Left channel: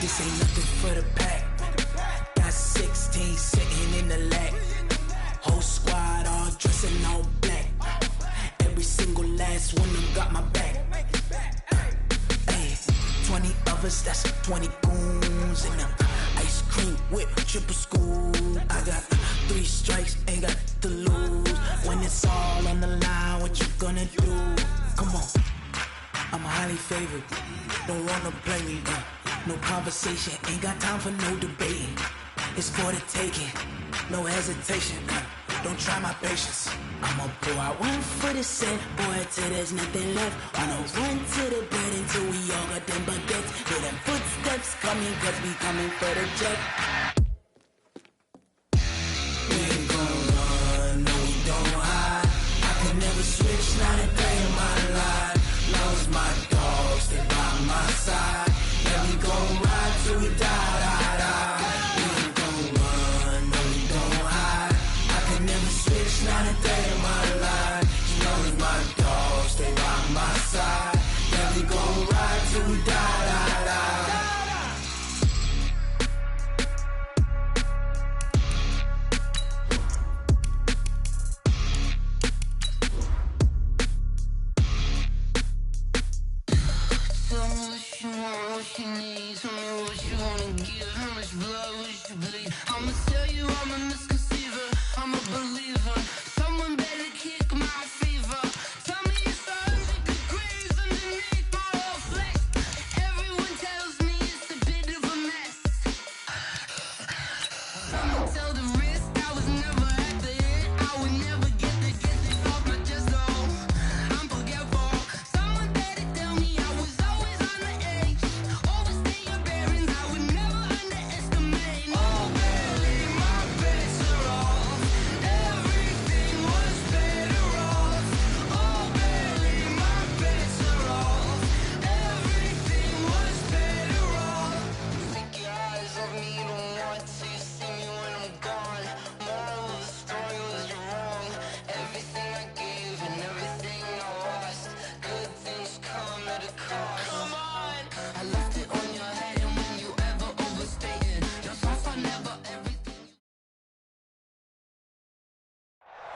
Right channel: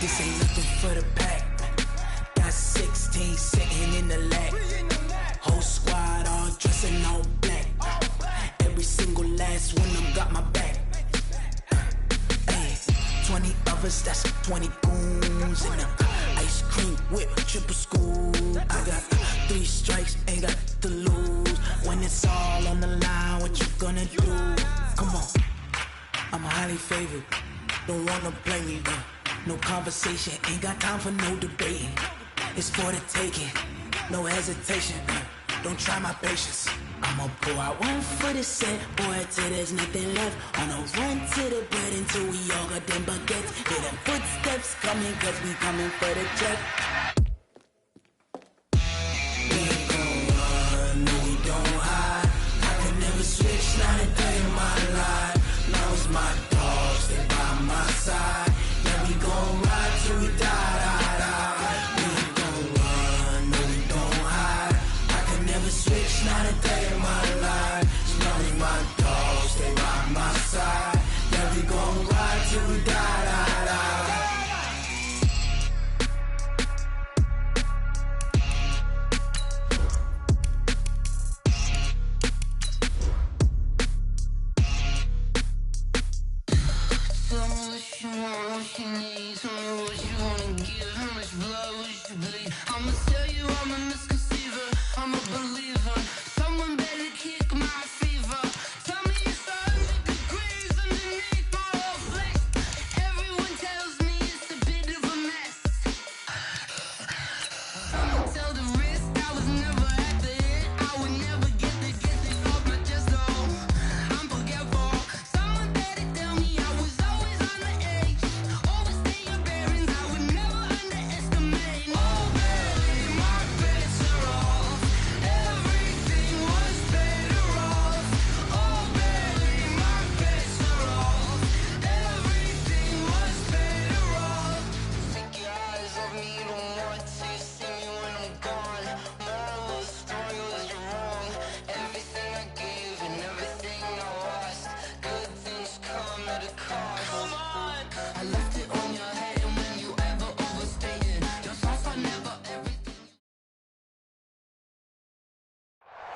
This ain't nothing for the pack. Got 16 sitting in the lap. Whole squad all dressing all black. Every single last one of them got my back. 20 of us, that's 20 goons in them. Ice cream whip, triple school. I got 3 strikes, ain't got to lose. When it's all on the line, what you gonna do? Come on, I'm highly favored. Don't wanna blame me, no conversation, ain't got time for no debating. It's for the taking, no hesitation, don't try my patience. I'ma pull out one for the set, boy, till there's nothing left. On a run to the bread until we all got them baguettes. Hear them footsteps coming, cause we coming for the check. We ain't gon' run, no we don't hide. I could never switch, not a day in my life. Long as my dogs, they by my side. Yeah, we gon' ride till we die. We ain't gon' run, no we don't hide. I could never switch, not a day in my life. As long as my dogs, they by my side. Yeah, we gon' ride till we die. Tell me what you want, what you need. Tell me what you wanna give. How much blood would you bleed? I'ma tell you I'm a misconceiver. I'm a believer. Someone better kick my fever. Tell me it's 100 degrees underneath my whole flesh. Everyone tells me it's a bit of a mess. I'ma tell the risk I was never at the end. I would never get this off my chest. Oh, I'm forgetful. Someone better tell me I was always on the edge. Overstay your bearings, I would never underestimate. Oh, barely my bets are off. Everything was better off. Oh, barely my bets are off. Everything was better off. Take your eyes off me, don't want to see me when I'm gone. Moral of the story was you're wrong. Everything I gave and everything I lost. Good things come at a cost. I left it on your head, and when you ever overstated your thoughts are never everything.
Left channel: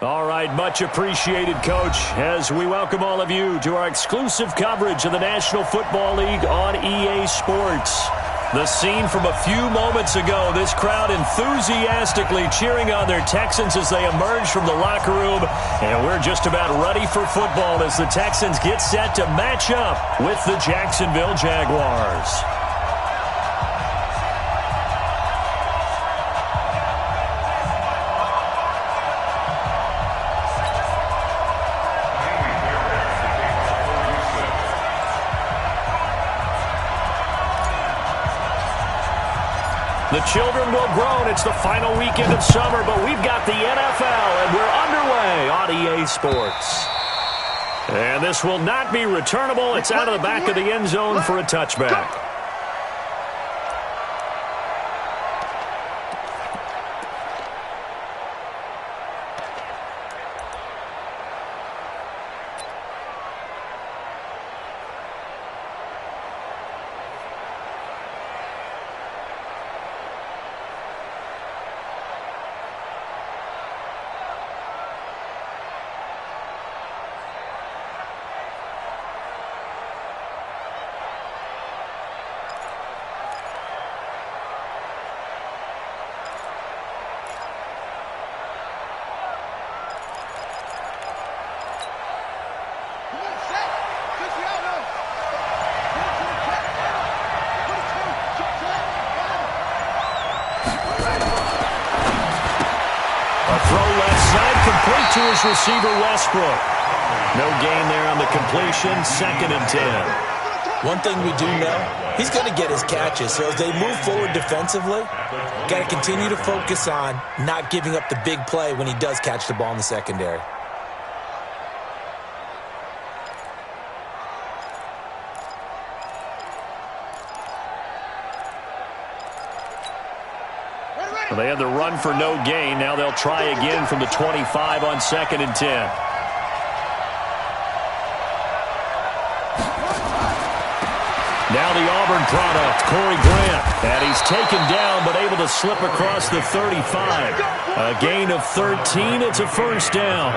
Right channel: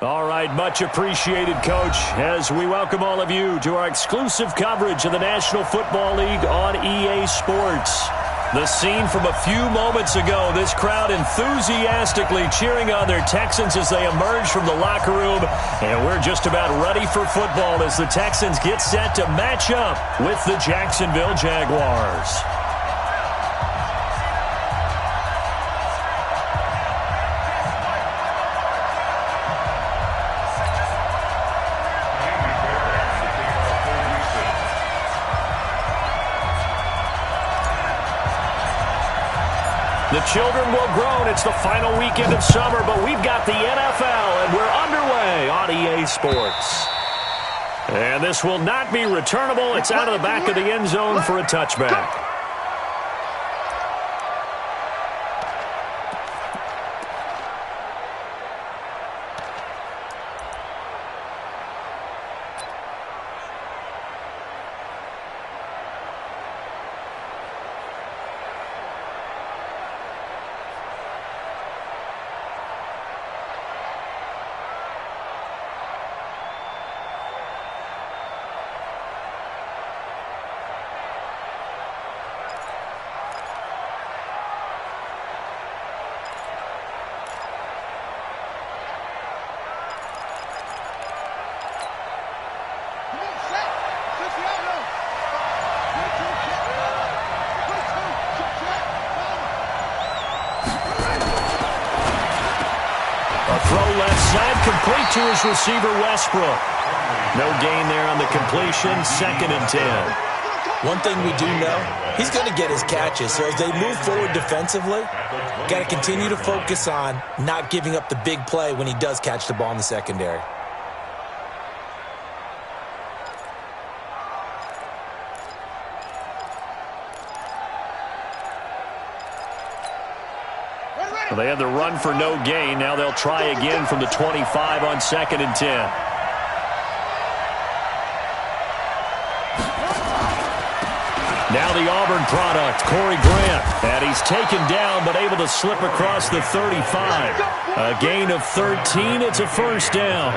All right, much appreciated, Coach, as we welcome all of you to our exclusive coverage of the National Football League on EA Sports. The scene from a few moments ago, this crowd enthusiastically cheering on their Texans as they emerge from the locker room, and we're just about ready for football as the Texans get set to match up with the Jacksonville Jaguars. The children will groan. It's the final weekend of summer, but we've got the NFL, and we're underway on EA Sports. And this will not be returnable. It's out of the back of the end zone for a touchback. Complete to his receiver, Westbrook. No gain there on the completion, 2nd and 10. One thing we do know, he's going to get his catches. So as they move forward defensively, got to continue to focus on not giving up the big play when he does catch the ball in the secondary. Well, they had the run for no gain. Now they'll try again from the 25 on 2nd and 10. Now the Auburn product, Corey Grant. And he's taken down but able to slip across the 35. A gain of 13. It's a first down.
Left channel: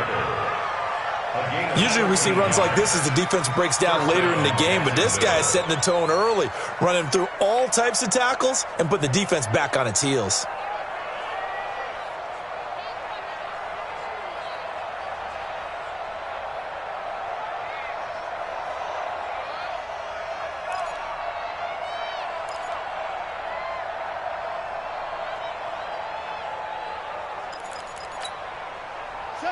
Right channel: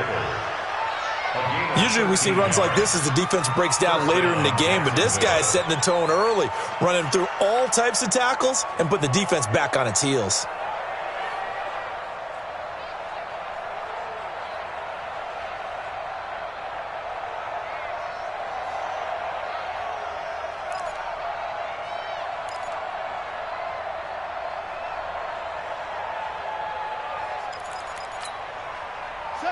Usually we see runs like this as the defense breaks down later in the game, but this guy is setting the tone early, running through all types of tackles and put the defense back on its heels.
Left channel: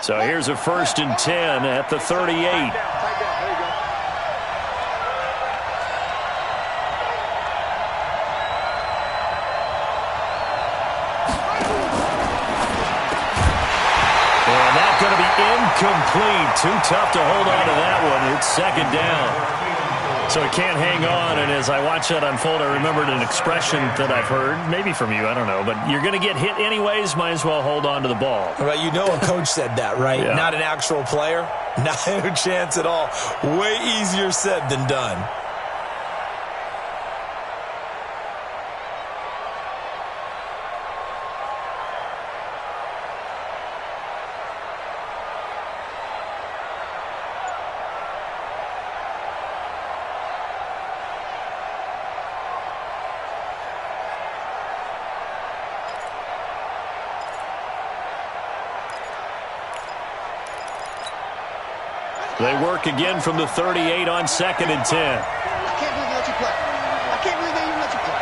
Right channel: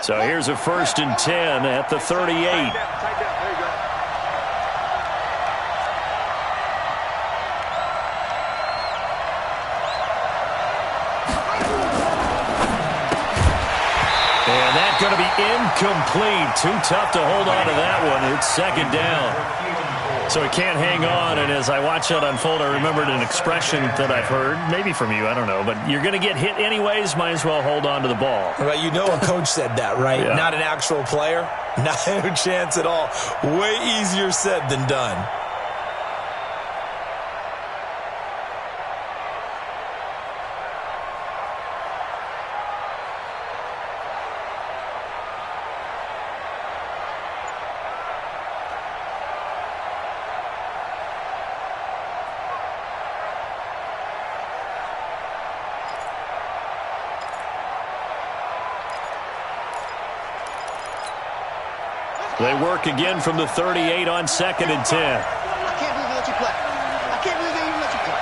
So here's a 1st and 10 at the 38. There you go. And that's going to be incomplete. Too tough to hold on to that one. It's 2nd down. So he can't hang on, and as I watch that unfold, I remembered an expression that I've heard, maybe from you, I don't know, but you're going to get hit anyways, might as well hold on to the ball. Right, you know a coach said that, right? Yeah. Not an actual player. Not a chance at all. Way easier said than done. They work again from the 38 on 2nd and 10. I can't believe they let you play. I can't believe they even let you play.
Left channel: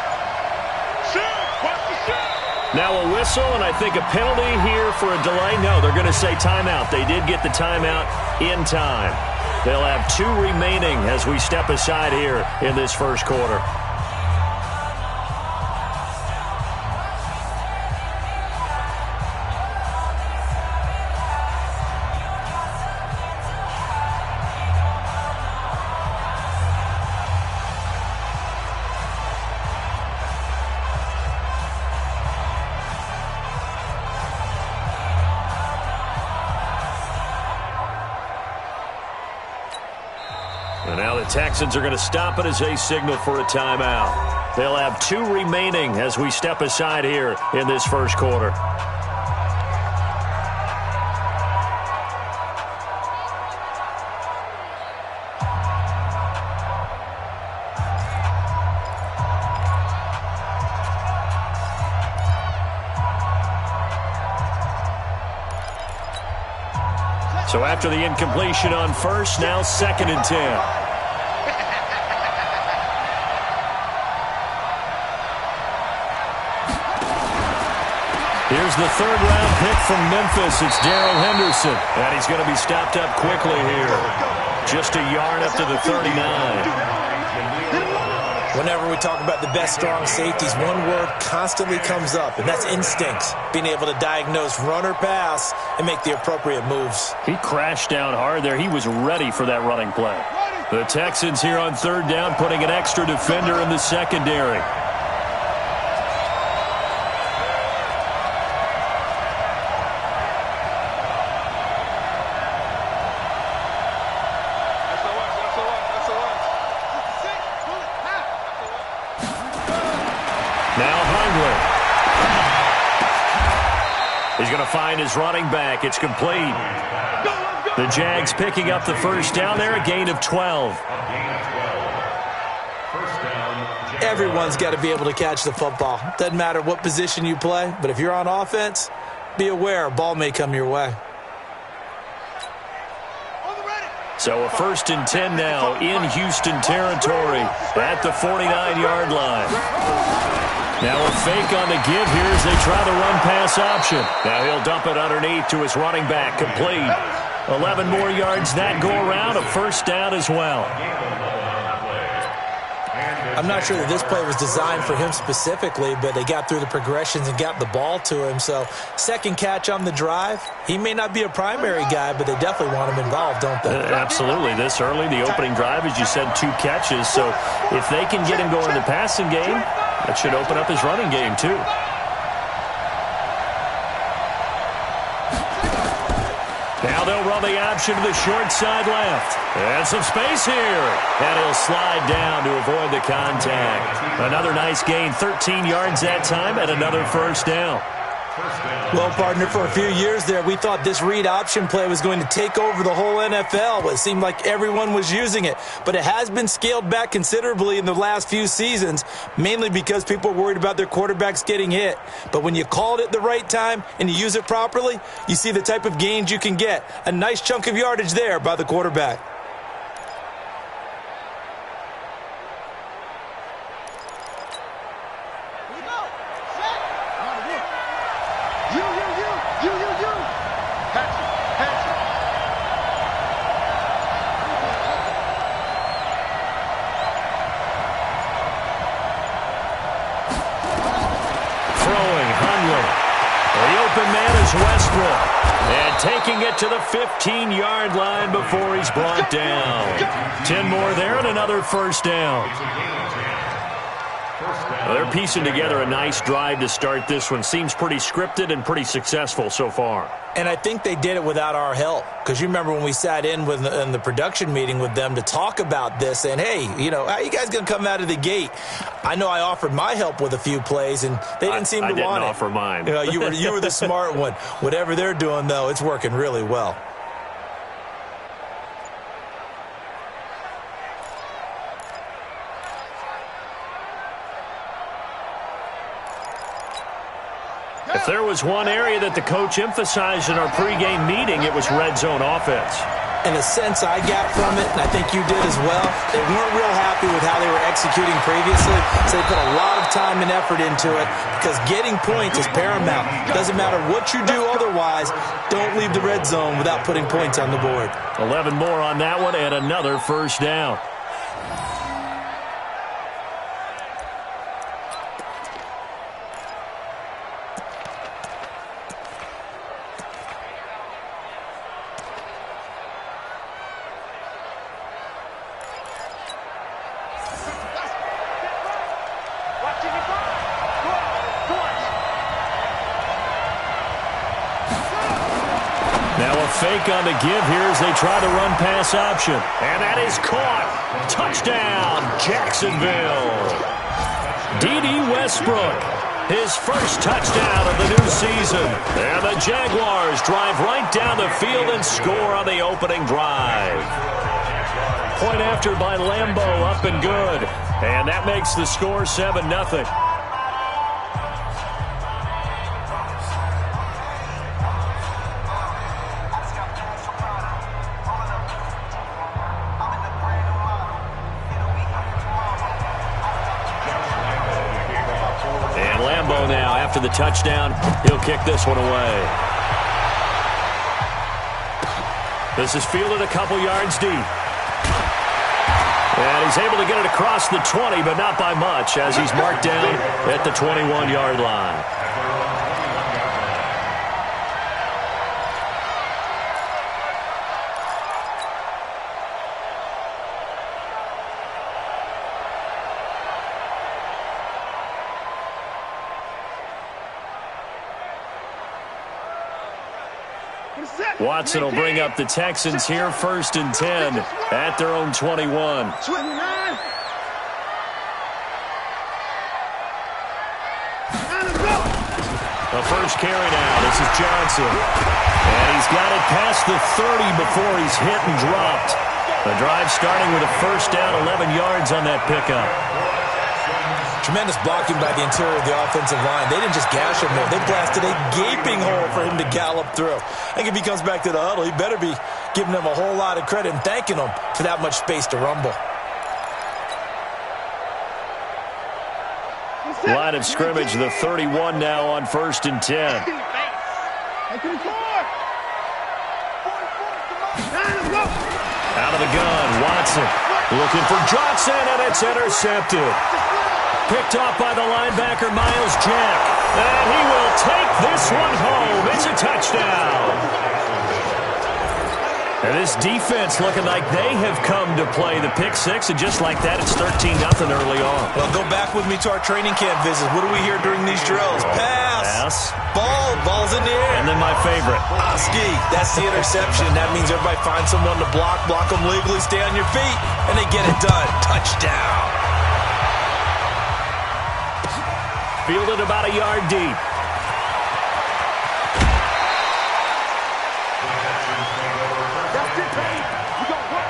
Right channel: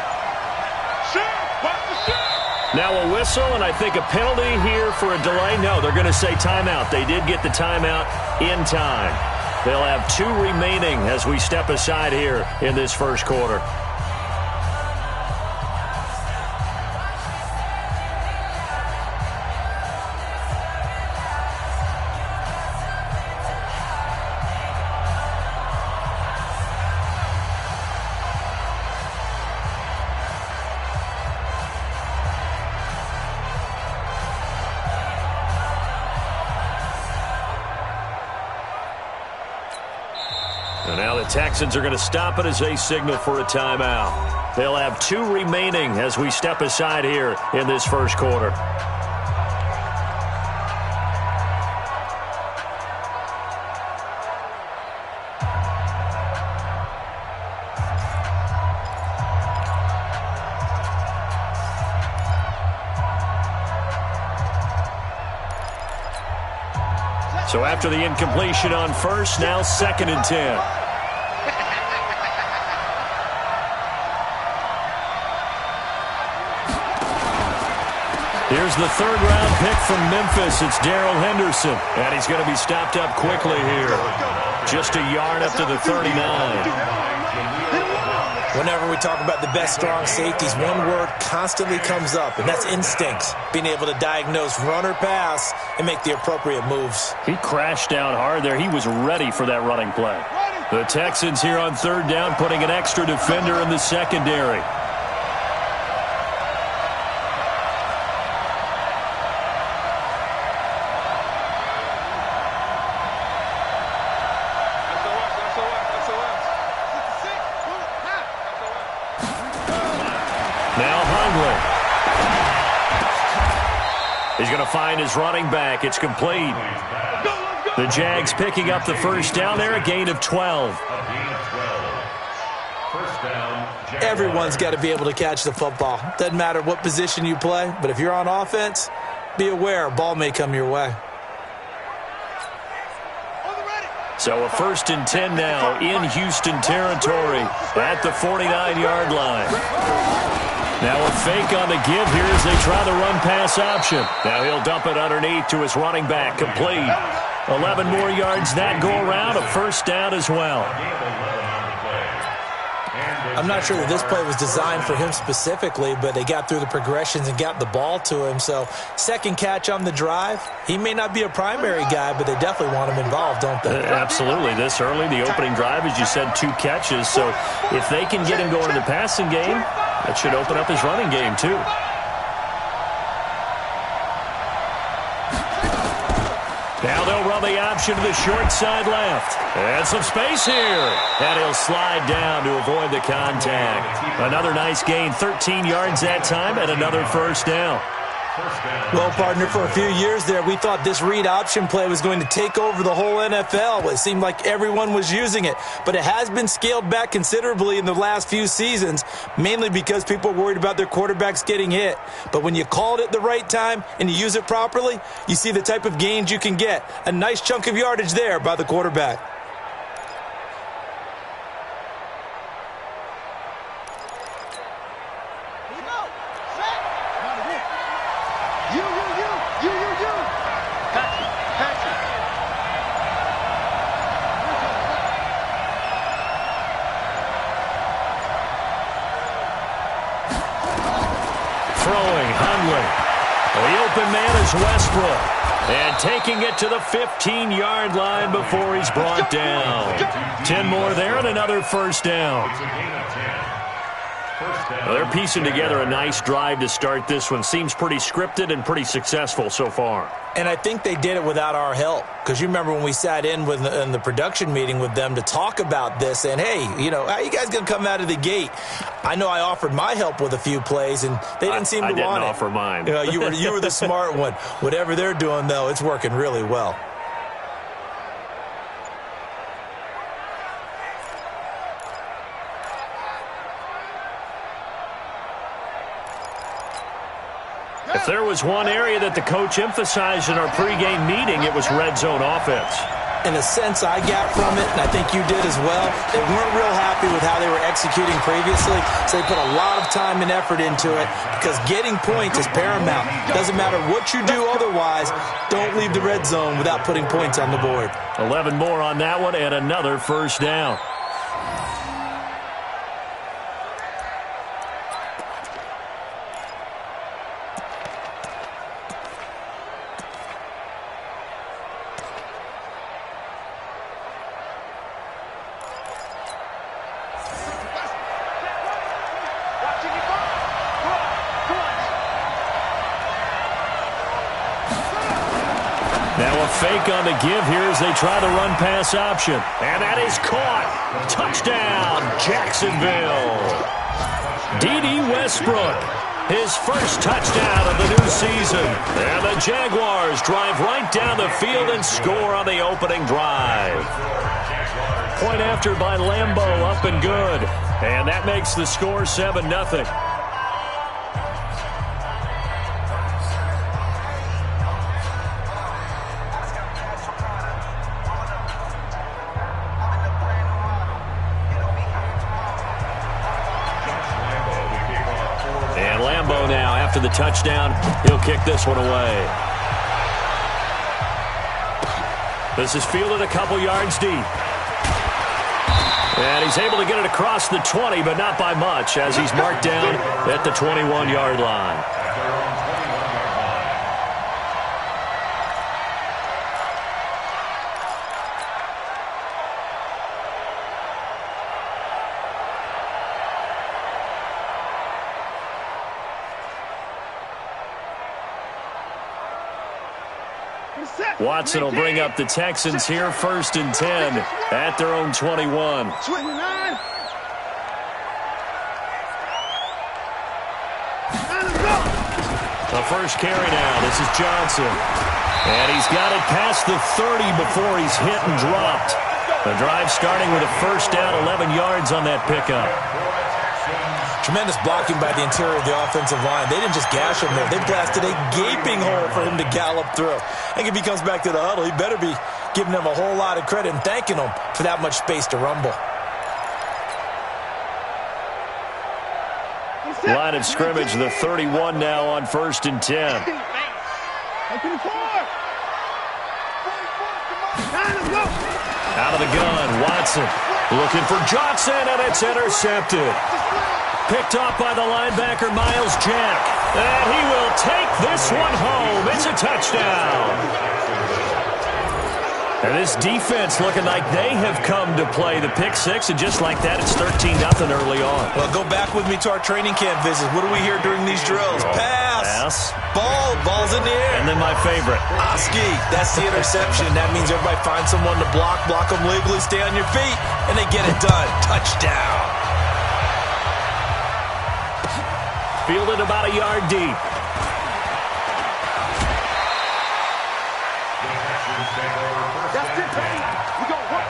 Shoot! Watch the shoot! Now a whistle, and I think a penalty here for a delay. No, they're going to say timeout. They did get the timeout in time. They'll have 2 remaining as we step aside here in this first quarter. And now the Texans are going to stop it as they signal for a timeout. They'll have 2 remaining as we step aside here in this first quarter. So after the incompletion on first, now 2nd and 10. Here's the 3rd-round pick from Memphis. It's Darrell Henderson. And he's going to be stopped up quickly here. Just a yard up to the 39. Whenever we talk about the best strong safeties, one word constantly comes up, and that's instincts. Being able to diagnose run or pass and make the appropriate moves. He crashed down hard there. He was ready for that running play. The Texans here on 3rd down, putting an extra defender in the secondary. He's going to find his running back. It's complete. The Jags picking up the first down there, a gain of 12. Everyone's got to be able to catch the football. Doesn't matter what position you play, but if you're on offense, be aware a ball may come your way. So a 1st and 10 now in Houston territory at the 49-yard line. Now a fake on the give here as they try the run-pass option. Now he'll dump it underneath to his running back, complete. 11 more yards that go around, a first down as well. I'm not sure that this play was designed for him specifically, but they got through the progressions and got the ball to him. So 2nd catch on the drive. He may not be a primary guy, but they definitely want him involved, don't they? Absolutely. This early, the opening drive, as you said, 2 catches. So if they can get him going in the passing game, that should open up his running game too. Now they'll run the option to the short side left. And some space here. And he'll slide down to avoid the contact. Another nice gain, 13 yards that time, and another first down. Well, partner, for a few years there, we thought this read option play was going to take over the whole NFL. It seemed like everyone was using it. But it has been scaled back considerably in the last few seasons, mainly because people are worried about their quarterbacks getting hit. But when you call it at the right time and you use it properly, you see the type of gains you can get. A nice chunk of yardage there by the quarterback. The open man is Westbrook. And taking it to the 15-yard line before he's brought down. 10 more there and another first down. Well, they're piecing together a nice drive to start this one. Seems pretty scripted and pretty successful so far. And I think they did it without our help. Because you remember when we sat in the production meeting with them to talk about this, and hey, you know, how are you guys going to come out of the gate? I know I offered my help with a few plays, and they didn't seem to want it. I didn't offer mine. You were the smart one. Whatever they're doing, though, it's working really well. If there was one area that the coach emphasized in our pregame meeting, it was red zone offense. And the sense I got from it, and I think you did as well, they weren't real happy with how they were executing previously, so they put a lot of time and effort into it because getting points is paramount. Doesn't matter what you do otherwise, don't leave the red zone without putting points on the board. 11 more on that one and another first down. Now a fake on the give here as they try the run-pass option. And that is caught. Touchdown, Jacksonville. D.D. Westbrook, his first touchdown of the new season. And the Jaguars drive right down the field and score on the opening drive. Point after by Lambeau, up and good. And that makes the score 7-0. And Lambeau now, after the touchdown, he'll kick this one away. This is fielded a couple yards deep. And he's able to get it across the 20, but not by much, as he's marked down at the 21-yard line. Watson will bring up the Texans here, 1st and 10 at their own 21. The first carry now. This is Johnson. And he's got it past the 30 before he's hit and dropped. The drive starting with a first down, 11 yards on that pickup. Tremendous blocking by the interior of the offensive line. They didn't just gash him there. They blasted a gaping hole for him to gallop through. I think if he comes back to the huddle, he better be giving them a whole lot of credit and thanking them for that much space to rumble. Line of scrimmage, the 31 now on 1st and 10. Out of the gun, Watson looking for Johnson, and it's intercepted. Picked off by the linebacker, Miles Jack. And he will take this one home. It's a touchdown. And this defense looking like they have come to play the pick six, and just like that, it's 13-0 early on. Well, go back with me to our training camp visits. What do we hear during these drills? Pass. Ball's in the air. And then my favorite. Oski, that's the interception. That means everybody finds someone to block them legally, stay on your feet, and they get it done. Touchdown. Fielded about a yard deep. That's it, baby. We gonna work.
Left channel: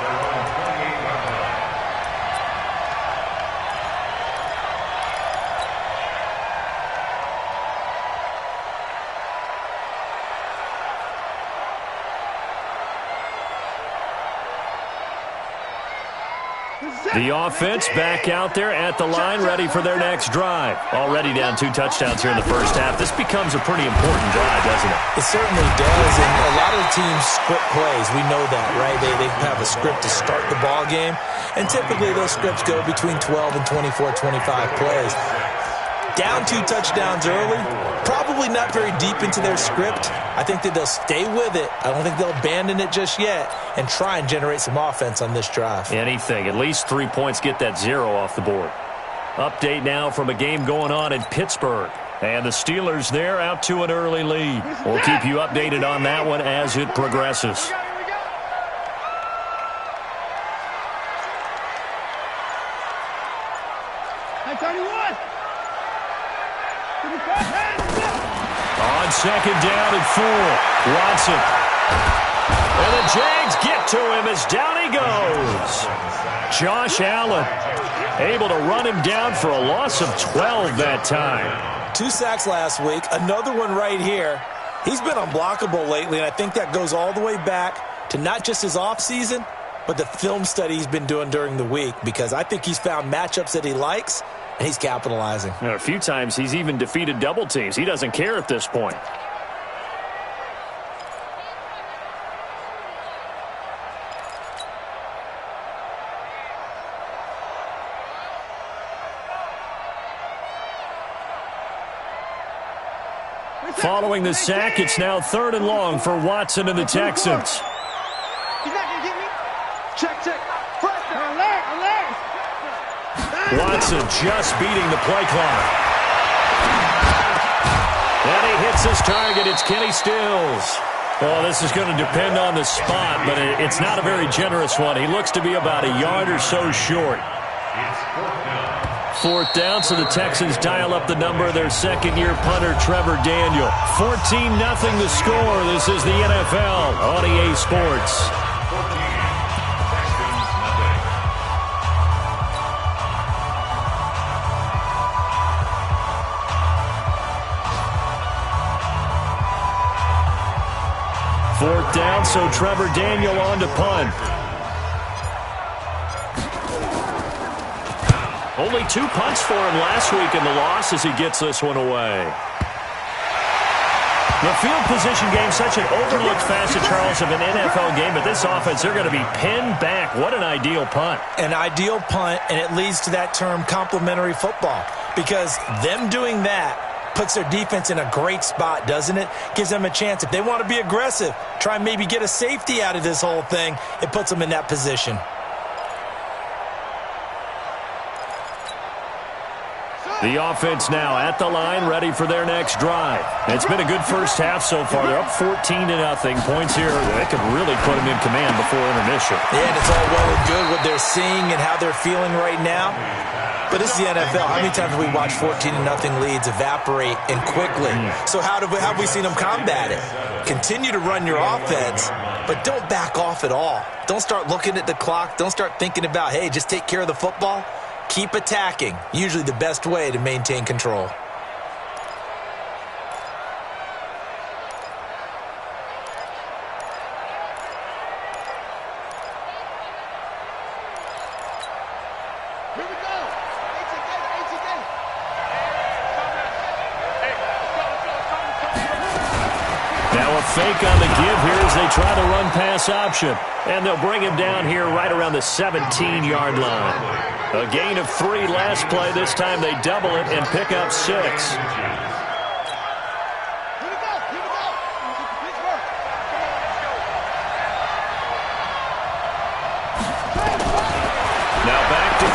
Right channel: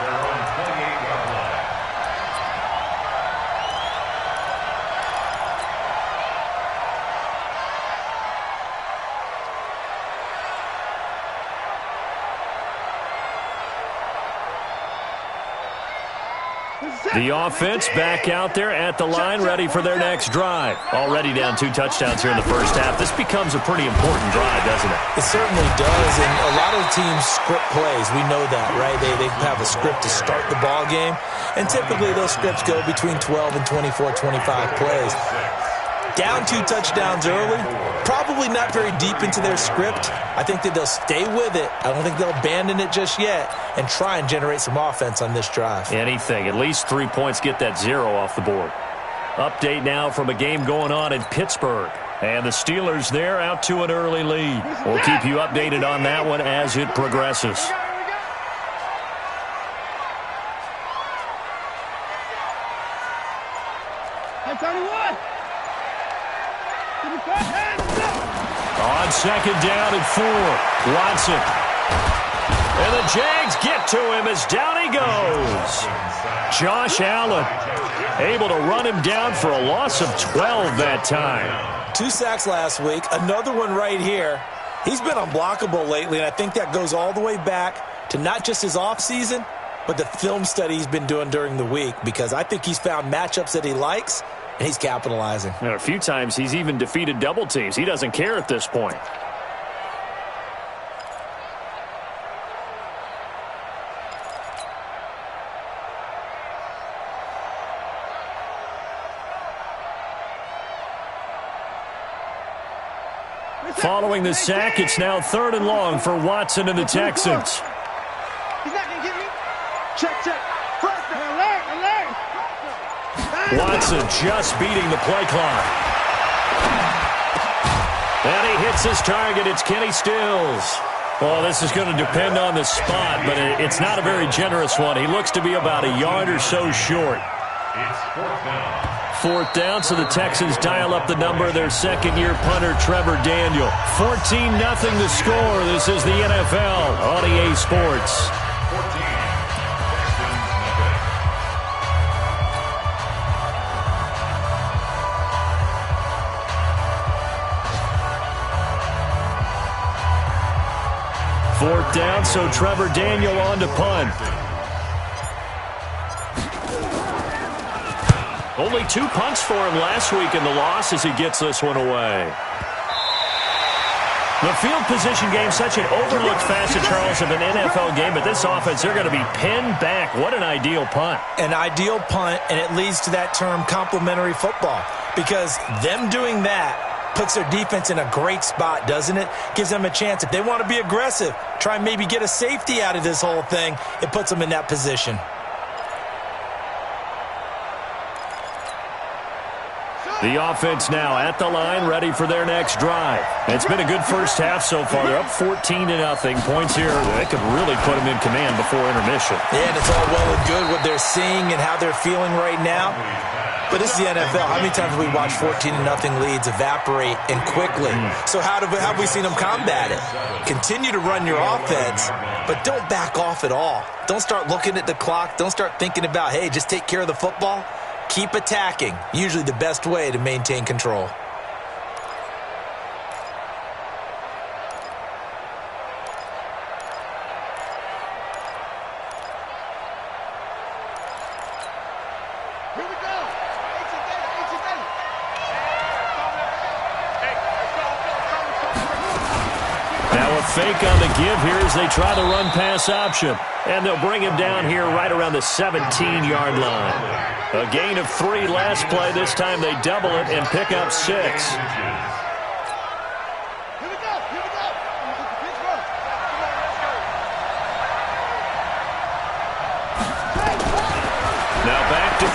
The offense back out there at the line, ready for their next drive. Already down 2 touchdowns here in the first half. This becomes a pretty important drive, doesn't it? It certainly does, and a lot of teams script plays. We know that, right? They have a script to start the ball game, and typically those scripts go between 12 and 24, 25 plays. Down 2 touchdowns early, probably not very deep into their script. I think that they'll stay with it. I don't think they'll abandon it just yet and try and generate some offense on this drive. Anything. At least 3 points, get that 0 off the board. Update now from a game going on in Pittsburgh. And the Steelers there out to an early lead. We'll keep you updated on that one as it progresses. Hey, 31. On second down and 4, Watson. And the Jags get to him as down he goes. Josh Allen able to run him down for a loss of 12 that time. 2 sacks last week, another one right here. He's been unblockable lately, and I think that goes all the way back to not just his offseason, but the film study he's been doing during the week, because I think he's found matchups that he likes, and he's capitalizing. And a few times he's even defeated double teams. He doesn't care at this point. Following the sack, it's now 3rd and long for Watson and the Texans. He's not going to get me. Check. Press them. Alert. Watson just beating the play clock. And he hits his target. It's Kenny Stills. Well, this is going to depend on the spot, but it's not a very generous one. He looks to be about a yard or so short. It's 4th down. 4th down, so the Texans dial up the number of their second-year punter, Trevor Daniel. 14-0 the score. This is the NFL on EA Sports. 14, Texans nothing. Fourth down, so Trevor Daniel on to punt. Only 2 punts for him last week in the loss as he gets this one away. The field position game, such an overlooked facet, Charles, of an NFL game, but this offense, they're going to be pinned back. What an ideal punt. An ideal punt, and it leads to that term complementary football, because them doing that puts their defense in a great spot, doesn't it? Gives them a chance. If they want to be aggressive, try and maybe get a safety out of this whole thing, it puts them in that position. The offense now at the line, ready for their next drive. It's been a good first half so far. They're up 14-0. Points here, they could really put them in command before intermission. Yeah, and it's all well and good what they're seeing and how they're feeling right now. But this is the NFL. How many times have we watched 14-0 leads evaporate and quickly? So how have we seen them combat it? Continue to run your offense, but don't back off at all. Don't start looking at the clock. Don't start thinking about, hey, just take care of the football. Keep attacking. Usually the best way to maintain control. Here we go. 18 Gator. Now a fake on the give here as they try the run-pass option. And they'll bring him down here right around the 17-yard line. A gain of 3 last play. This time they double it and pick up 6. Here we go. Pittsburgh. Come on, let's go.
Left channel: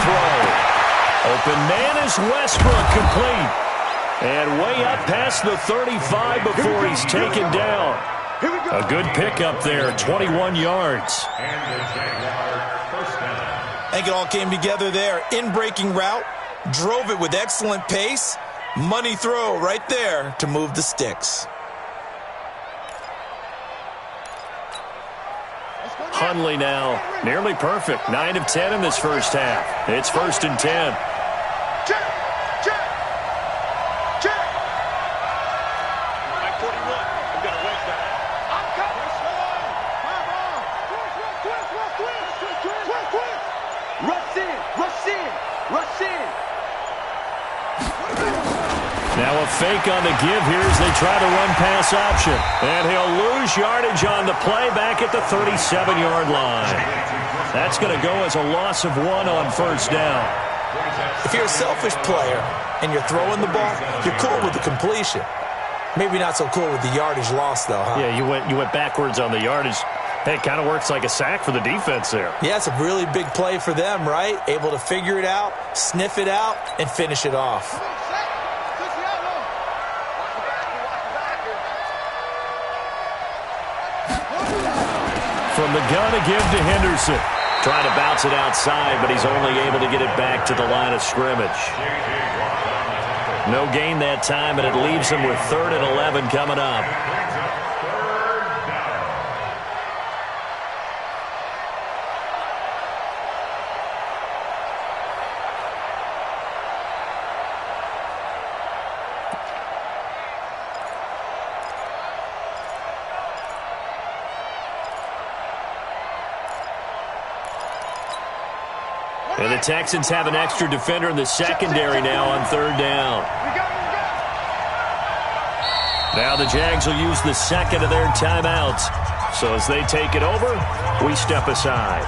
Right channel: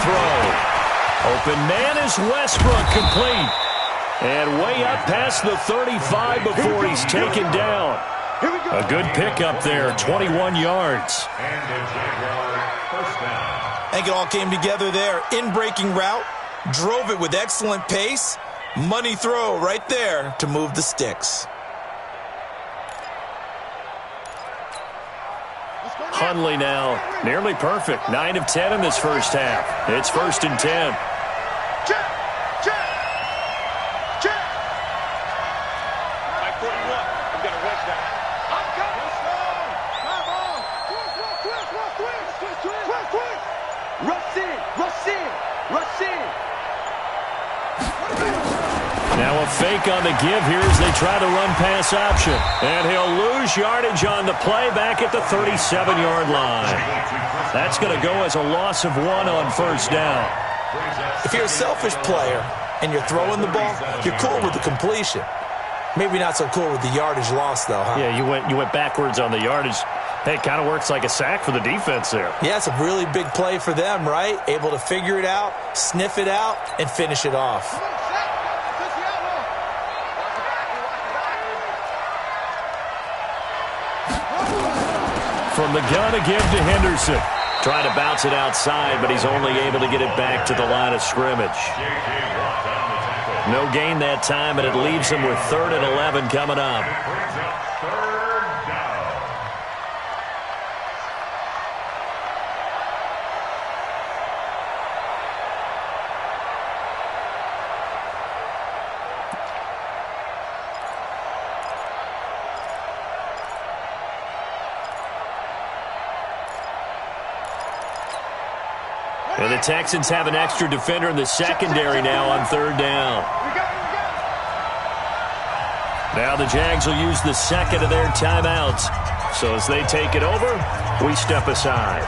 throw. Open man is Westbrook, complete. And way up past the 35 before he's taken down. A good pickup there, 21 yards. And the Jaguar first down. I think it all came together there. In-breaking route, drove it with excellent pace. Money throw right there to move the sticks. Hundley now, nearly perfect. 9 of 10 in this first half. It's 1st and 10. Check. Mike 41. I'm going to wedge that. I'm coming. Rush in. Now a fake on the give here as they try to run pass option. And he'll lose yardage on the play back at the 37-yard line. That's going to go as a loss of 1 on first down. If you're a selfish player and you're throwing the ball, you're cool with the completion. Maybe not so cool with the yardage loss, though, huh? Yeah, you went backwards on the yardage. Hey, it kind of works like a sack for the defense there. Yeah, it's a really big play for them, right? Able to figure it out, sniff it out, and finish it off. From the gun, a give to Henderson. Trying to bounce it outside, but he's only able to get it back to the line of scrimmage. No gain that time, and it leaves him with 3rd and 11 coming up. And the Texans have an extra defender in the secondary now on 3rd down. Now the Jags will use the second of their timeouts. So as they take it over, we step aside.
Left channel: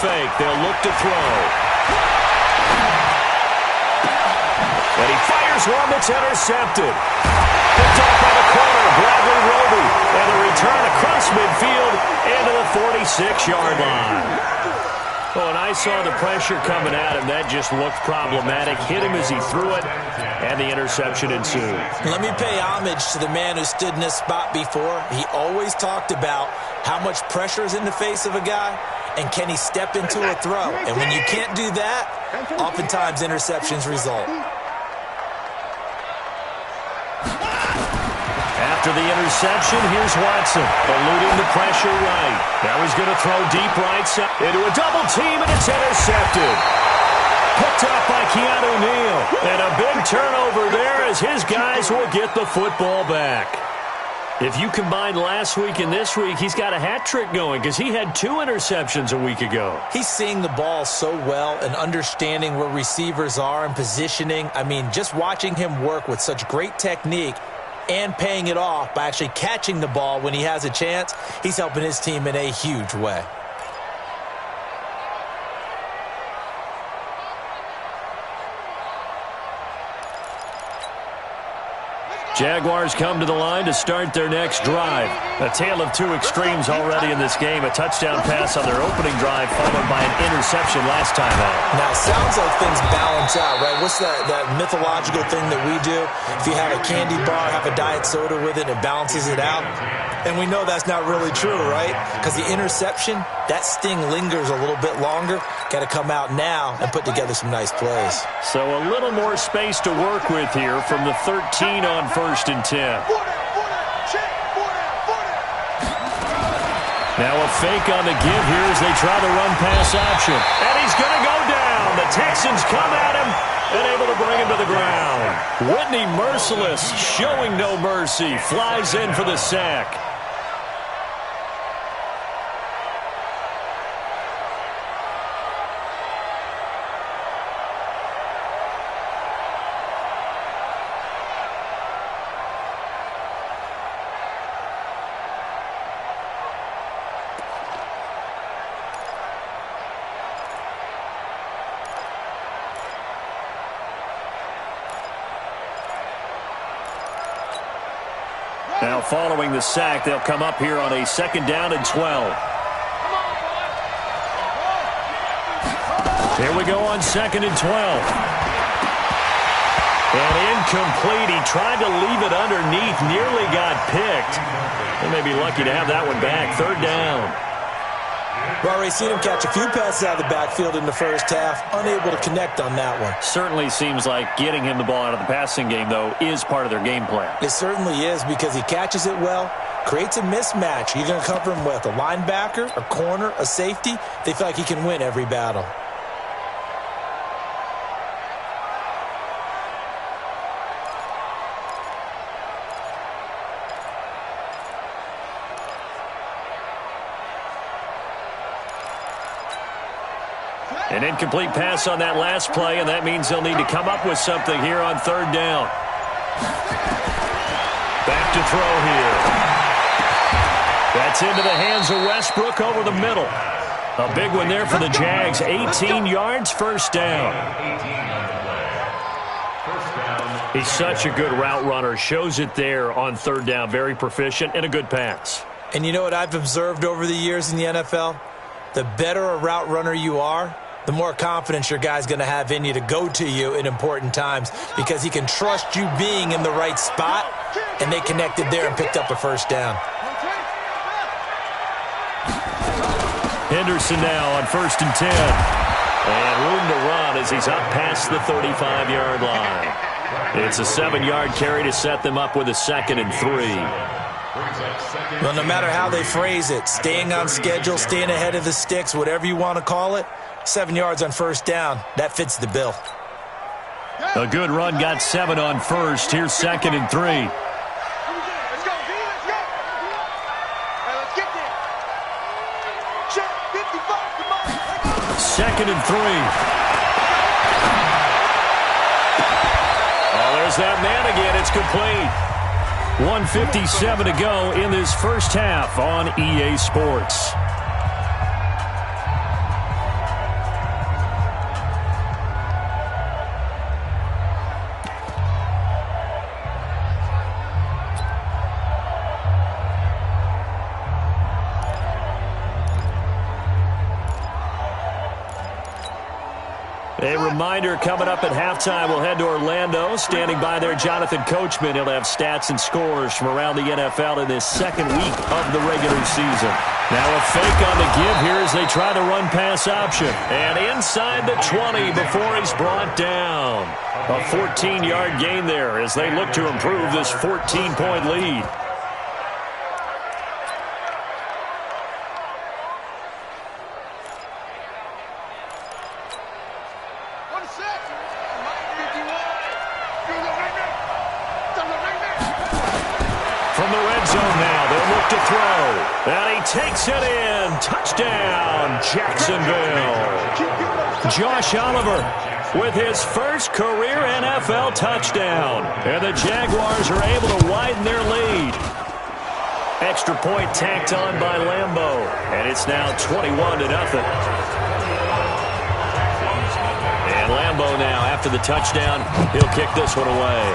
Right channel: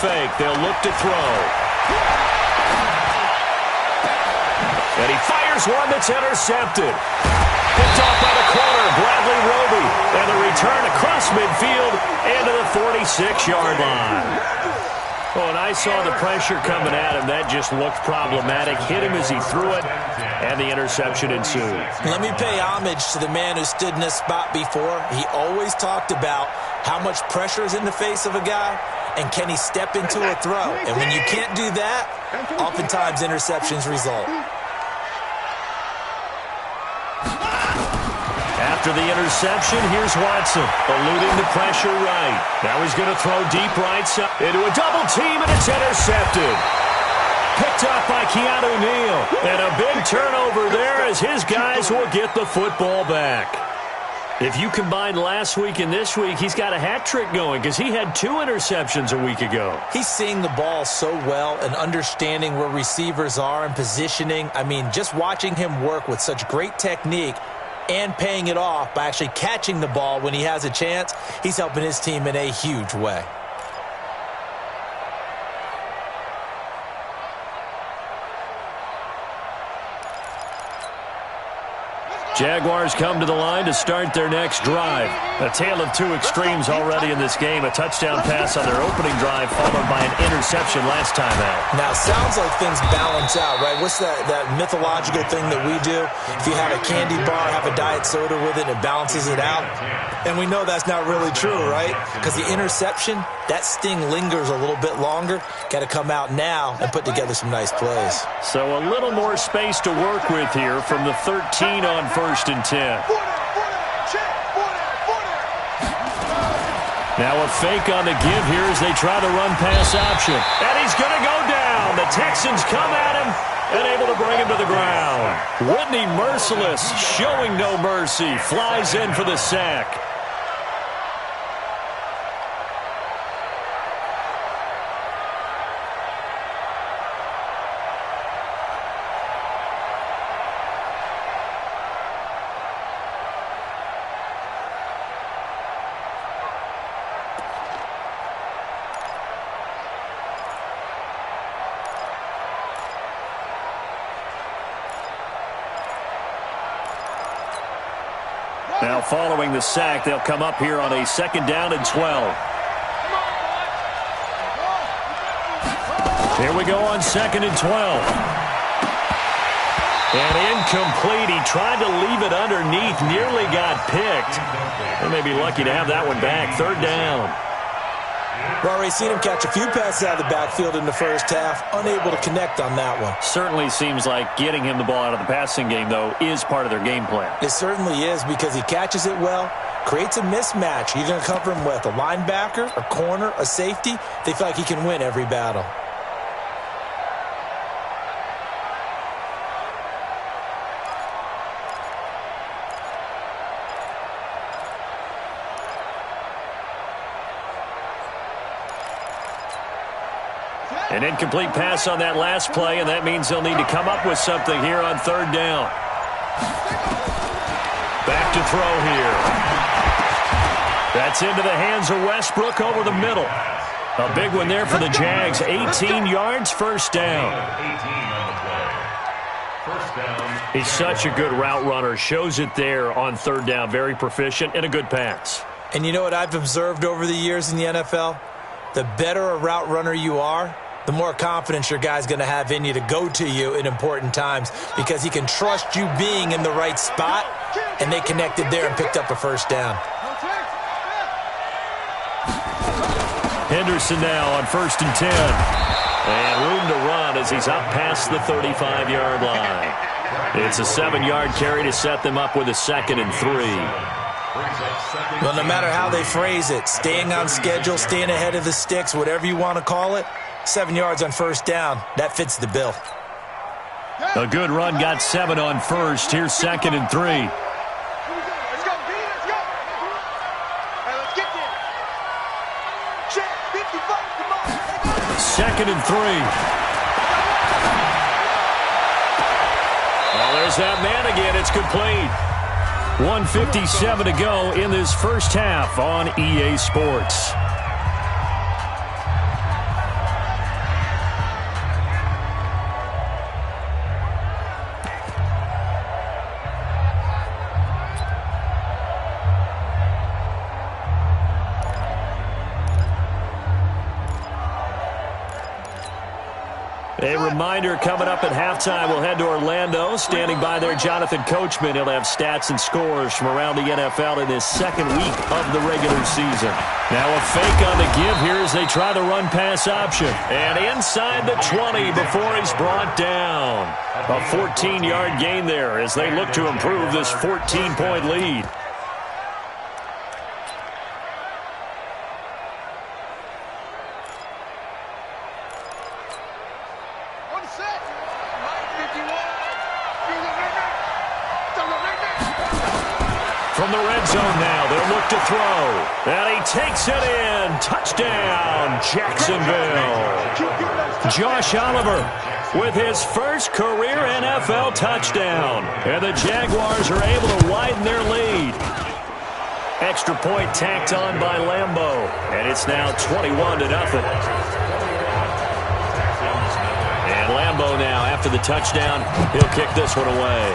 Fake. They'll look to throw. And he fires one that's intercepted. Picked off by the corner, Bradley Roby. And the return across midfield into the 46-yard line. Oh, and I saw the pressure coming at him. That just looked problematic. Hit him as he threw it, and the interception ensued. Let me pay homage to the man who stood in this spot before. He always talked about how much pressure is in the face of a guy, and can he step into a throw? And when you can't do that, oftentimes interceptions result. After the interception, here's Watson, eluding the pressure right. Now he's going to throw deep right side into a double team, and it's intercepted. Picked up by Keanu Neal. And a big turnover there as his guys will get the football back. If you combine last week and this week, he's got a hat trick going because he had 2 interceptions a week ago. He's seeing the ball so well and understanding where receivers are and positioning. I mean, just watching him work with such great technique and paying it off by actually catching the ball when he has a chance, he's helping his team in a huge way. Jaguars come to the line to start their next drive. A tale of 2 extremes already in this game. A touchdown pass on their opening drive followed by an interception last time out. Now, it sounds like things balance out, right? What's that mythological thing that we do? If you have a candy bar, have a diet soda with it, it balances it out. And we know that's not really true, right? Because the interception, that sting lingers a little bit longer. Got to come out now and put together some nice plays. So a little more space to work with here from the 13 on 1st and 10. Now a fake on the give here as they try the run pass option. And he's going to go down. The Texans come at him and able to bring him to the ground. Whitney Merciless, showing no mercy, flies in for the sack. Now following the sack, they'll come up here on a 2nd down and 12. Here we go on 2nd and 12. And incomplete. He tried to leave it underneath, nearly got picked. They may be lucky to have that one back. 3rd down. We've already seen him catch a few passes out of the backfield in the first half, unable to connect on that one. Certainly seems like getting him the ball out of the passing game, though, is part of their game plan. It certainly is, because he catches it well, creates a mismatch. You're going to cover him with a linebacker, a corner, a safety. They feel like he can win every battle. An incomplete pass on that last play, and that means they'll need to come up with something here on 3rd down. Back to throw here. That's into the hands of Westbrook over the middle. A big one there for the Jags. 18 yards, 1st down. He's such a good route runner. Shows it there on 3rd down. Very proficient and a good pass. And you know what I've observed over the years in the NFL? The better a route runner you are, the more confidence your guy's going to have in you to go to you in important times, because he can trust you being in the right spot, and they connected there and picked up a 1st down. Henderson now on 1st and 10. And room to run as he's up past the 35-yard line. It's a 7-yard carry to set them up with a 2nd and 3. Well, no matter how they phrase it, staying on schedule, staying ahead of the sticks, whatever you want to call it, 7 yards on 1st down, that fits the bill. A good run got 7 on 1st. Here's 2nd and 3. Let's go, B, let's go. All right, let's get there. Check, 55, come on. 2nd and 3. Oh, there's that man again. It's complete. 1:57 to go in this first half on EA Sports. A reminder, coming up at halftime, we'll head to Orlando. Standing by there, Jonathan Coachman. He'll have stats and scores from around the NFL in this 2nd week of the regular season. Now a fake on the give here as they try the run-pass option. And inside the 20 before he's brought down. A 14-yard gain there as they look to improve this 14-point lead. From the red zone now, they'll look to throw. And he takes it in. Touchdown, Jacksonville. Josh Oliver with his first career NFL touchdown. And the Jaguars are able to widen their lead. Extra point tacked on by Lambeau. And it's now 21-0. And Lambeau now, after the touchdown, he'll kick this one away.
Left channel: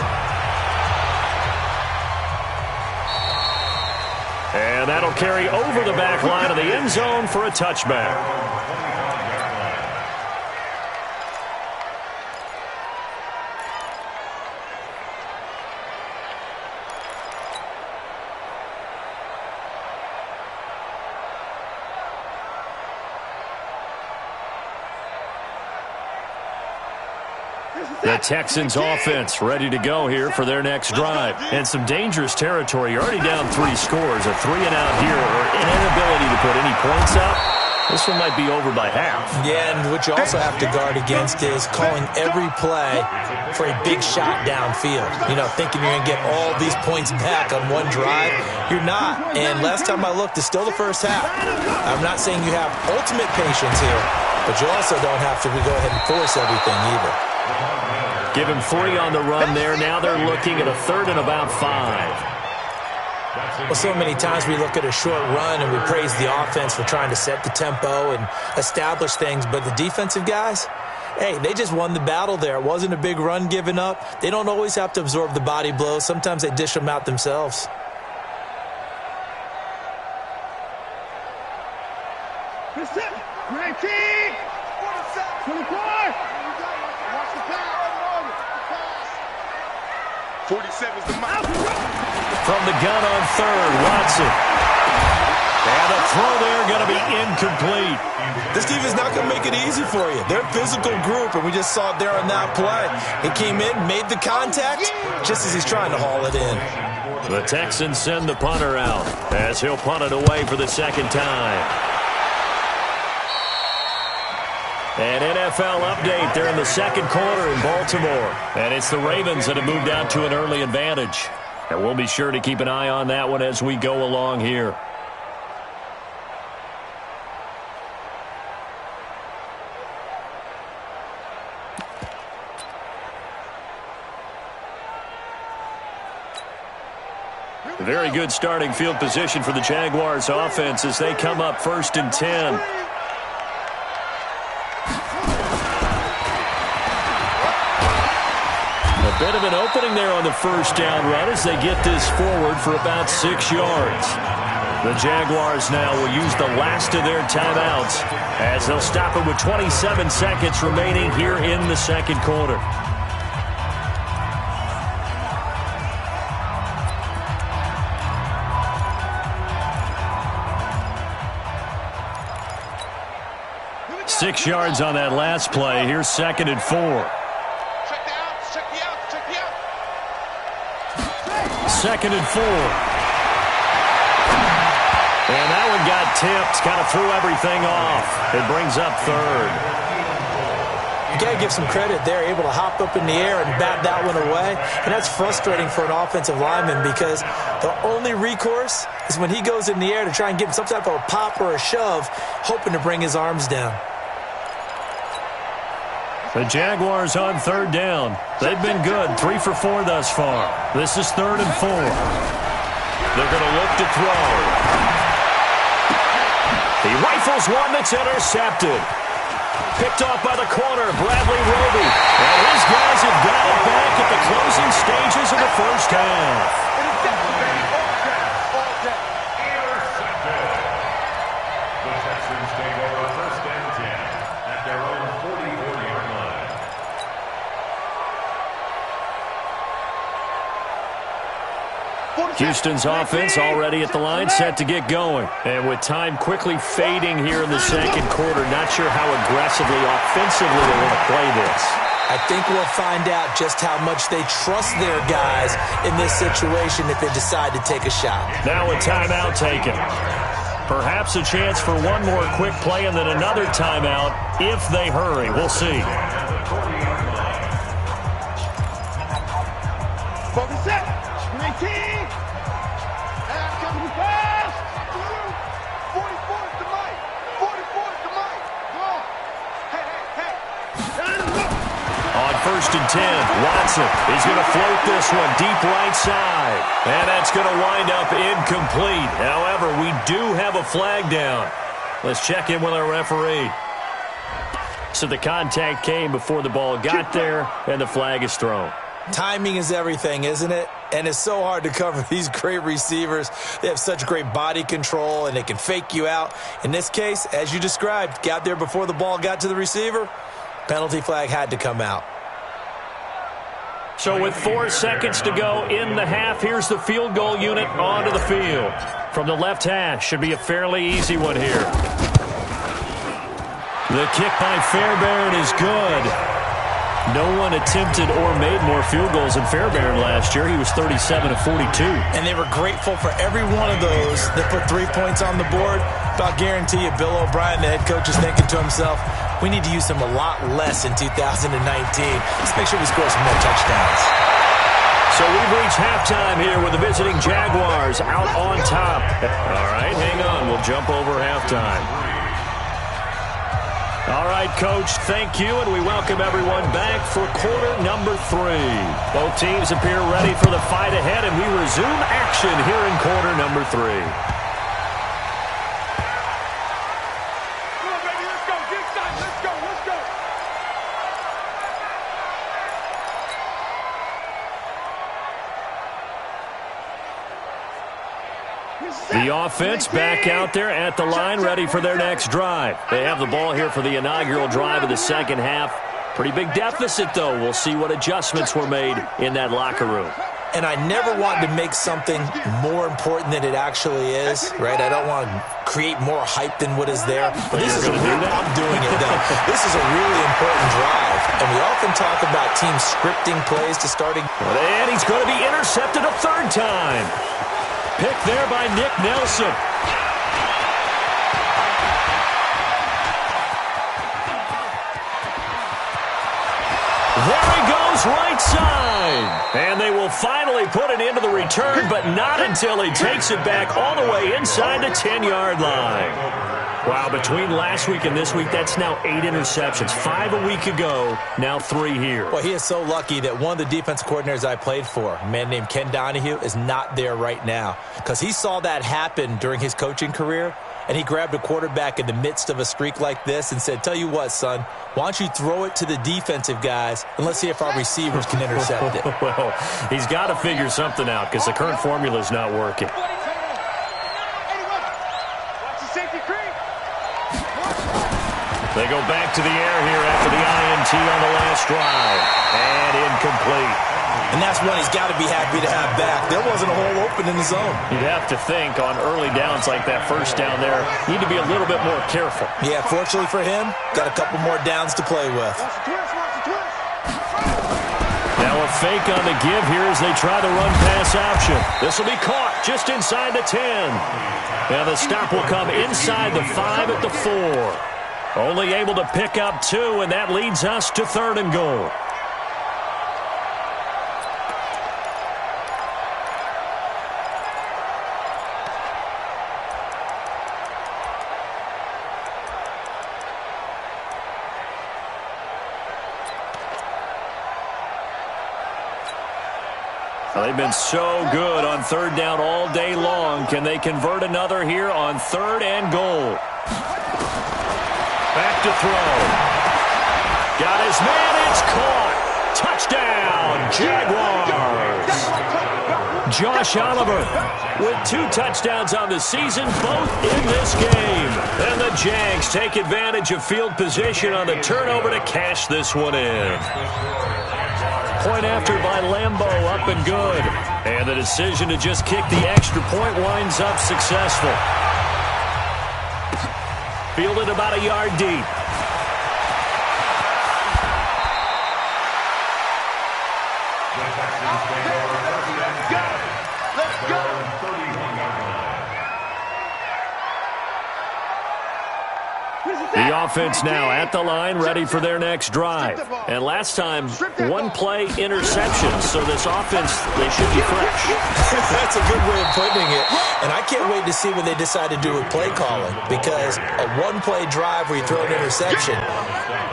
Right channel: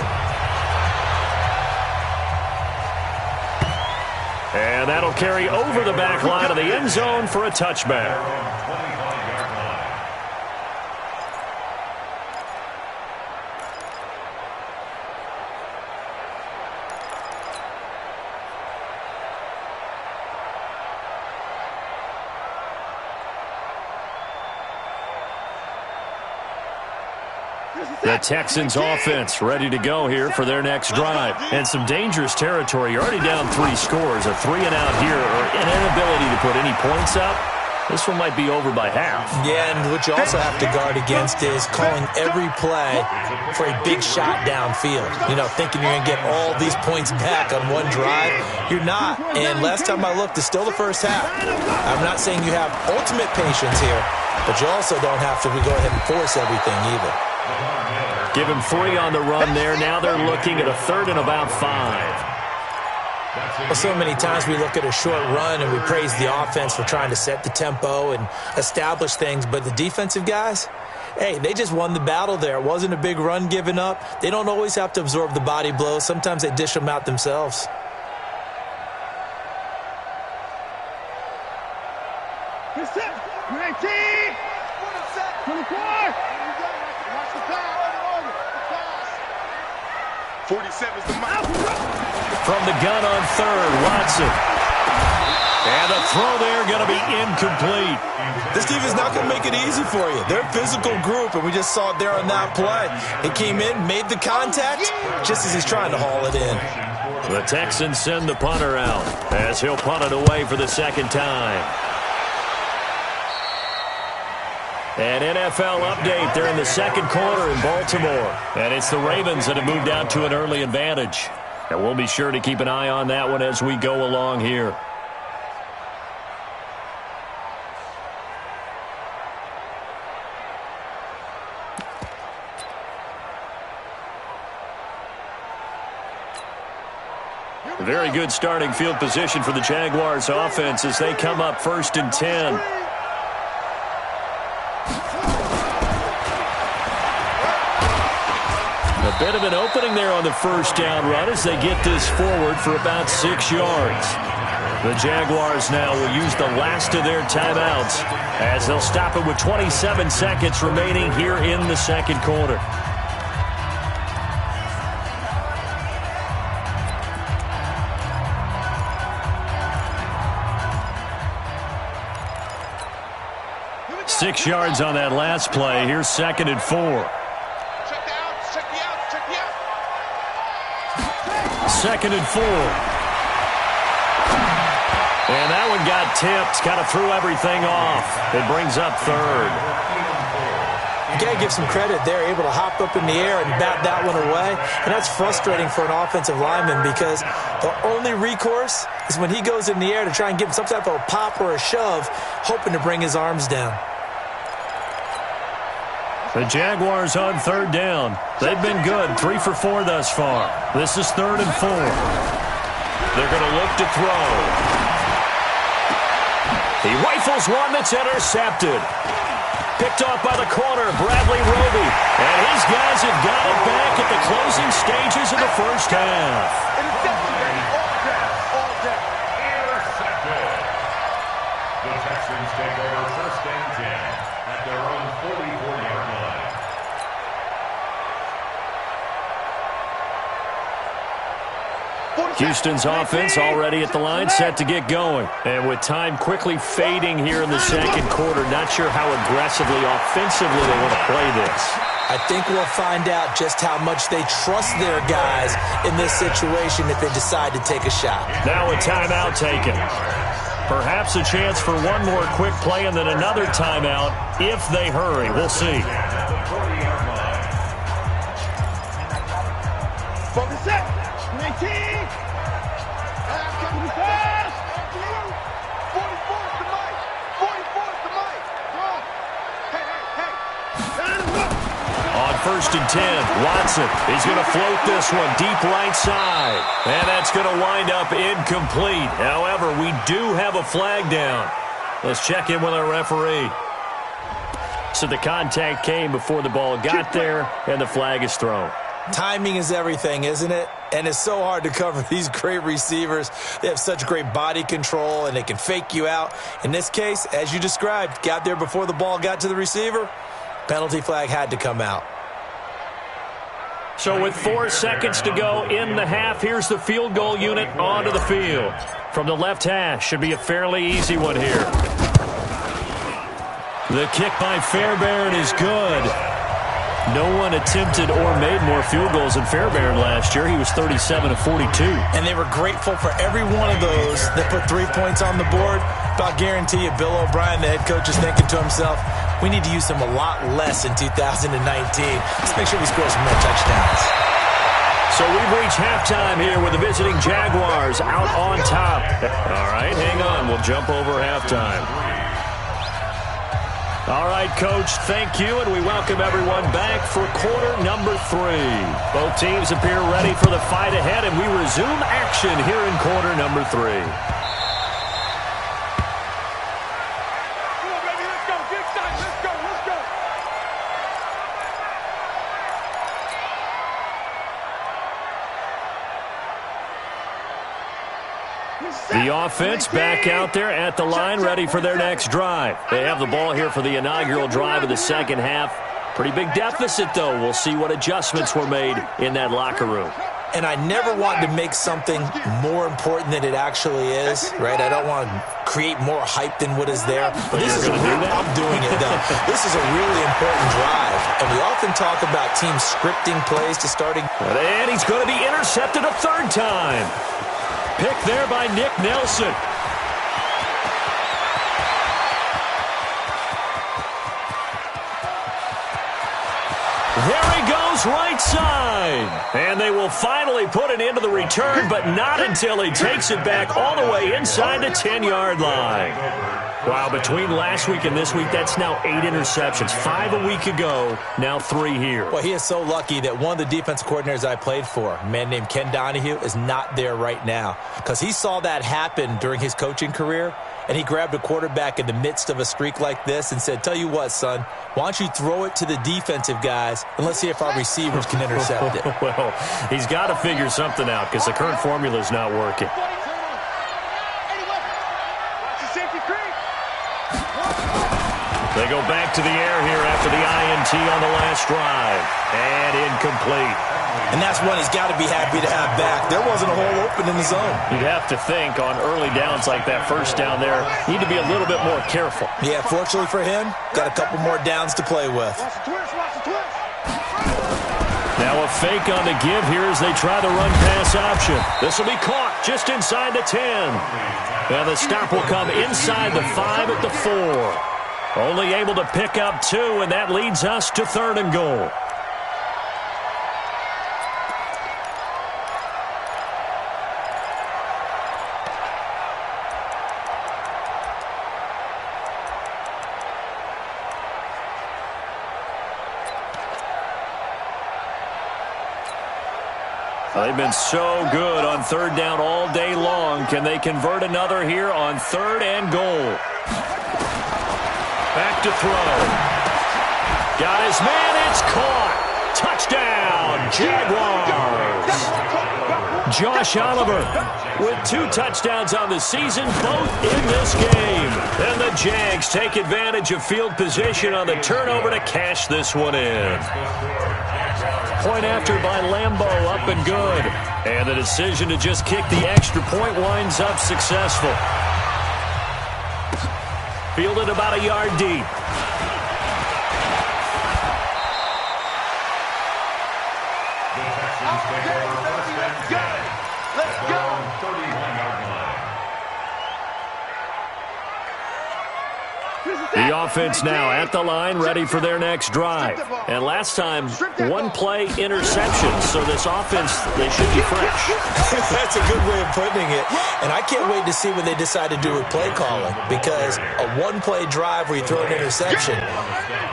And that'll carry over the back line of the end zone for a touchback. The Texans offense ready to go here for their next drive. And some dangerous territory. You're already down 3 scores. A 3-and-out here, or an inability to put any points up. This one might be over by half. Yeah, and what you also have to guard against is calling every play for a big shot downfield. You know, thinking you're going to get all these points back on one drive. You're not. And last time I looked, it's still the first half. I'm not saying you have ultimate patience here, but you also don't have to go ahead and force everything either. Give him 3 on the run there. Now they're looking at a 3rd and about 5. Well, so many times we look at a short run and we praise the offense for trying to set the tempo and establish things, but the defensive guys, hey, they just won the battle there. It wasn't a big run given up. They don't always have to absorb the body blows. Sometimes they dish them out themselves. was the mouth. From the gun on third, Watson. And the throw there going to be incomplete. This defense is not going to make it easy for you. They're a physical group, and we just saw it there on that play. He came in, made the contact, just as he's trying to haul it in. The Texans send the punter out as he'll punt it away for the second time. An NFL update. They're in the second quarter in Baltimore. And it's the Ravens that have moved out to an early advantage. And we'll be sure to keep an eye on that one as we go along here. Very good starting field position for the Jaguars offense as they come up 1st and 10. A bit of an opening there on the first down run as they get this forward for about 6 yards. The Jaguars now will use the last of their timeouts as they'll stop it with 27 seconds remaining here in the second quarter. Six yards on that last play. Here's 2nd and 4. Check the outs, check the outs, check the outs. 2nd and 4. And that one got tipped. Kind of threw everything off. It brings up 3rd. You got to give some credit. They're able to hop up in the air and bat that one away. And that's frustrating for an offensive lineman because the only recourse is when he goes in the air to try and give some type of a pop or a shove, hoping to bring his arms down. The Jaguars on 3rd down. They've been good, 3 for 4 thus far. This is 3rd and 4. They're going to look to throw. He rifles one that's intercepted. Picked off by the corner, Bradley Roby. And his guys have got it back at the closing stages of the first half. Interception, baby, all day, all day. Intercepted. The Texans take over 1st and 10 at their own 44-yard line. Houston's offense already at the line, set to get going. And with time quickly fading here in the second quarter, not sure how aggressively, offensively they want to play this. I think we'll find out just how much they trust their guys in this situation if they decide to take a shot. Now a timeout taken. Perhaps a chance for one more quick play and then another timeout if they hurry. We'll see. Focus set. 19. And I'm coming fast. 44 is the mic. 44 is the mic. Go. Hey. On 1st and 10, Watson is going to float this one deep right side. And that's going to wind up incomplete. However, we do have a flag down. Let's check in with our referee. So the contact came before the ball got there, and the flag is thrown. Timing is everything, isn't it? And it's so hard to cover these great receivers. They have such great body control, and they can fake you out. In this case, as you described, got there before the ball got to the receiver. Penalty flag had to come out. So with 4 seconds to go in the half, here's the field goal unit onto the field. From the left hash, should be a fairly easy one here. The kick by Fairbairn is good. No one attempted or made more field goals than Fairbairn last year. He was 37 of 42. And they were grateful for every one of those that put 3 points on the board. But I'll guarantee you, Bill O'Brien, the head coach, is thinking to himself, we need to use them a lot less in 2019. Let's make sure we score some more touchdowns. So we've reached halftime here with the visiting Jaguars out on top. All right, hang on. We'll jump over halftime. All right, Coach, thank you, and we welcome everyone back for quarter number 3. Both teams appear ready for the fight ahead, and we resume action here in quarter number 3. Come on, baby, let's go. Get excited. Let's go. The offense back out there at the line, ready for their next drive. They have the ball here for the inaugural drive of the second half. Pretty big deficit, though. We'll see what adjustments were made in that locker room. And I never want to make something more important than it actually is, right? I don't want to create more hype than what is there. But this is I'm doing it, though. This is a really important drive. And we often talk about teams scripting plays to starting. And he's going to be intercepted a third time. Picked there by Nick Nelson. There he goes, right side. And they will finally put it into the return, but not until he takes it back all the way inside the 10-yard line. Wow, between last week and this week, that's now 8 interceptions. 5 a week ago, now 3 here. Well, he is so lucky that one of the defense coordinators I played for, a man named Ken Donahue, is not there right now. Because he saw that happen during his coaching career, and he grabbed a quarterback in the midst of a streak like this and said, tell you what, son, why don't you throw it to the defensive guys, and let's see if our receivers can intercept it. Well, he's got to figure something out because the current formula is not working. Watch the safety creep. They go back to the air here after the INT on the last drive. And incomplete. And that's one he's got to be happy to have back. There wasn't a hole open in the zone. You'd have to think on early downs like that first down there, you need to be a little bit more careful. Yeah, fortunately for him, got a couple more downs to play with. Watch the twist, watch the twist. Now a fake on the give here as they try the run-pass option. This will be caught just inside the 10. Now the stop will come inside the 5 at the 4. Only able to pick up 2, and that leads us to 3rd and goal. They've been so good on 3rd down all day long. Can they convert another here on 3rd and goal? Back to throw. Got his man. It's caught. Touchdown, Jaguars. Josh Oliver with 2 touchdowns on the season, both in this game. And the Jags take advantage of field position on the turnover to cash this one in. Point after by Lambeau, up and good. And the decision to just kick the extra point winds up successful. Fielded about a yard deep. The Texans take over first and 10. Let's go. 31-yard line. The offense now at the line, ready for their next drive. And last time, 1 play interception, so this offense, they should be fresh. That's a good way of putting it. And I can't wait to see what they decide to do with play calling, because a 1-play drive where you throw an interception,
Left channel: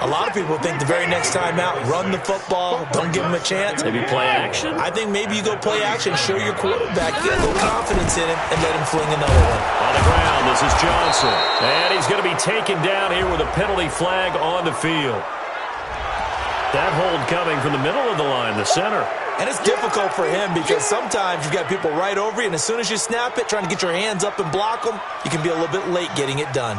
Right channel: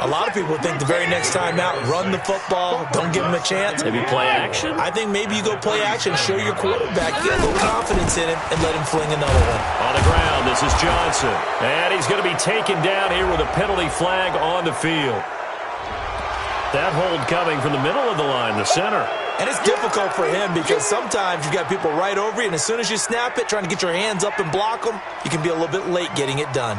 a lot of people think the very next time out, run the football, don't give them a chance. Maybe play action? I think maybe you go play action, show your quarterback, get a little confidence in him, and let him fling another one. On the ground, this is Johnson. And he's going to be taken down here with a penalty flag on the field. That hold coming from the middle of the line, the center. And it's difficult for him because sometimes you've got people right over you, and as soon as you snap it, trying to get your hands up and block them, you can be a little bit late getting it done.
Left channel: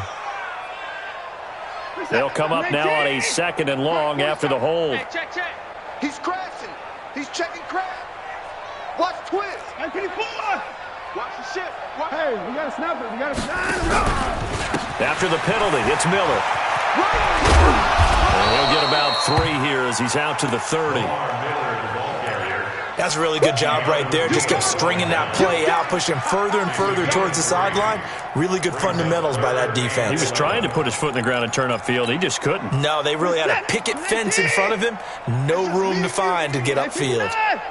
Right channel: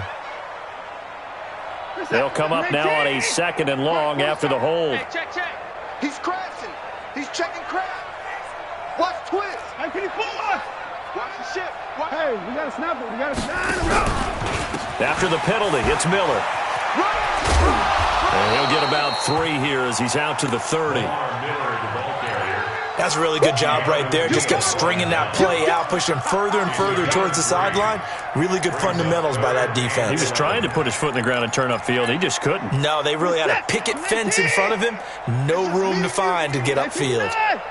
They'll come up now on a 2nd and long after the hold. Hey, check. He's crashing. He's checking crash. Watch twist. Hey, can you pull on? Watch the ship. Hey, we got to snap it. We got to snap it. After the penalty, it's Miller. And he'll get about 3 here as he's out to the 30. That's a really good job right there. Just kept stringing that play out, pushing him further and further towards the sideline. Really good fundamentals by that defense. He was trying to put his foot in the ground and turn upfield. He just couldn't. No, they really had a picket fence in front of him. No room to find to get upfield. Hey,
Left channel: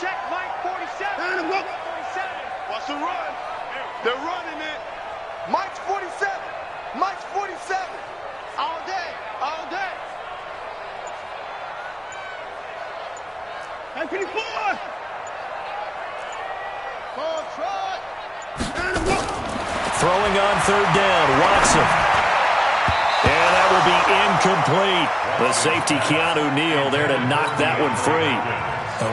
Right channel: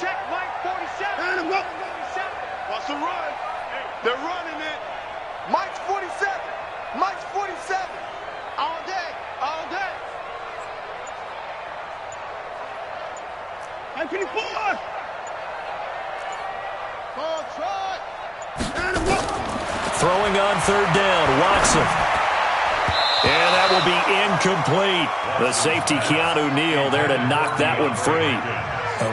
check Mike 47. 47. What's the run? They're running it. Mike's 47. Mike's 47. All day. All day. Hey, can you pull us? Ball trot. Throwing on 3rd down, Watson. And that will be incomplete. The safety, Keanu Neal, there to knock that one free.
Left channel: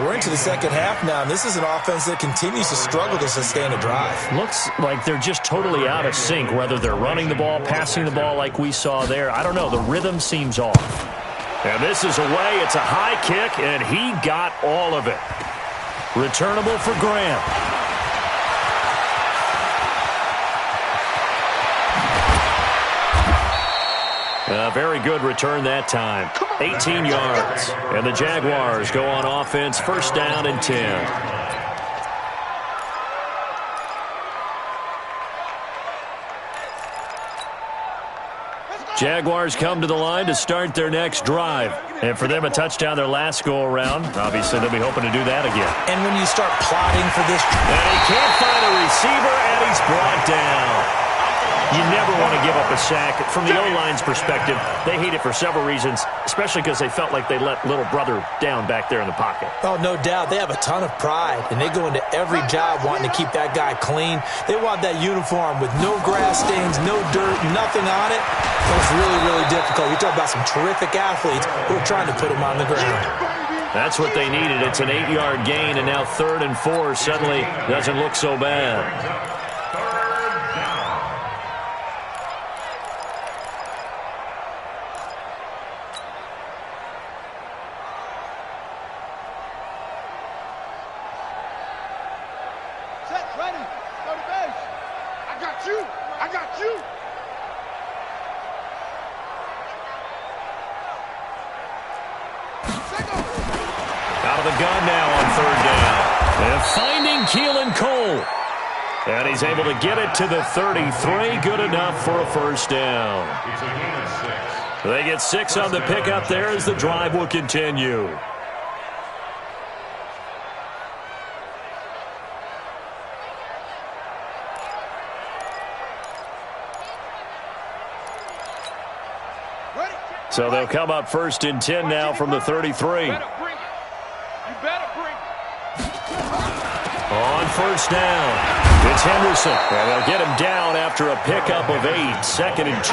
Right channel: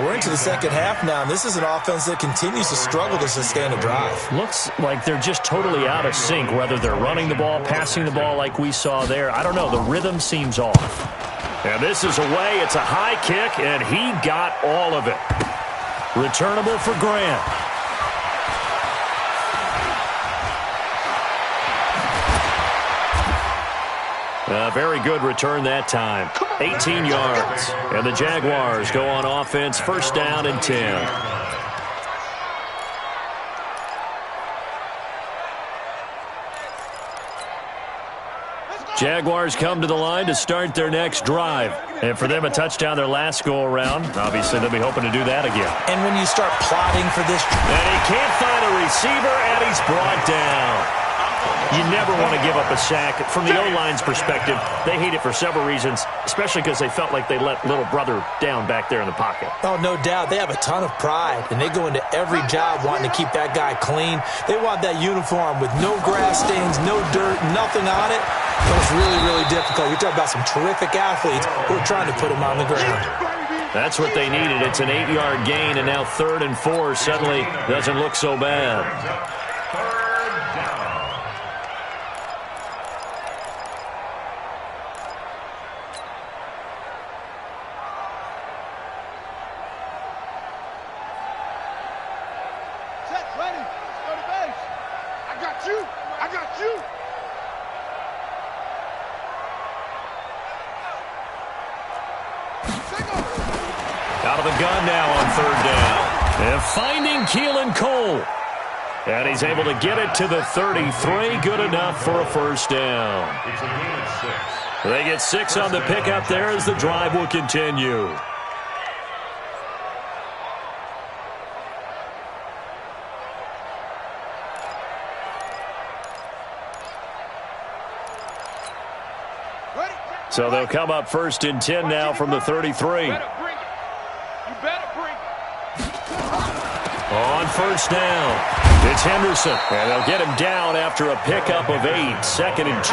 We're into the second half now, and this is an offense that continues to struggle to sustain a drive. Looks like they're just totally out of sync, whether they're running the ball, passing the ball like we saw there. I don't know. The rhythm seems off. And this is away. It's a high kick, and he got all of it. Returnable for Grant. A very good return that time. 18 yards. And the Jaguars go on offense, first down and 10. Jaguars come to the line to start their next drive. And for them, a touchdown their last go-around. Obviously, they'll be hoping to do that again. And when you start plotting for this... And he can't find a receiver, and he's brought down. You never want to give up a sack. From the O-line's perspective, they hate it for several reasons, especially because they felt like they let little brother down back there in the pocket. Oh, no doubt. They have a ton of pride, and they go into every job wanting to keep that guy clean. They want that uniform with no grass stains, no dirt, nothing on it. It was really, really difficult. You're talking about some terrific athletes who are trying to put him on the ground. That's what they needed. It's an 8-yard gain, and now 3rd and 4 suddenly doesn't look so bad. Ready. Go to base. I got you. I got you. Out of the gun now on 3rd down. And finding Keelan Cole. And he's able to get it to the 33. Good enough for a first down. It's a gain of 6. They get 6 on the pickup there as the drive will continue. So they'll come up 1st and 10 now from the 33. You better bring it. On 1st down, it's Henderson. And they'll get him down after a pickup of 8. 2nd and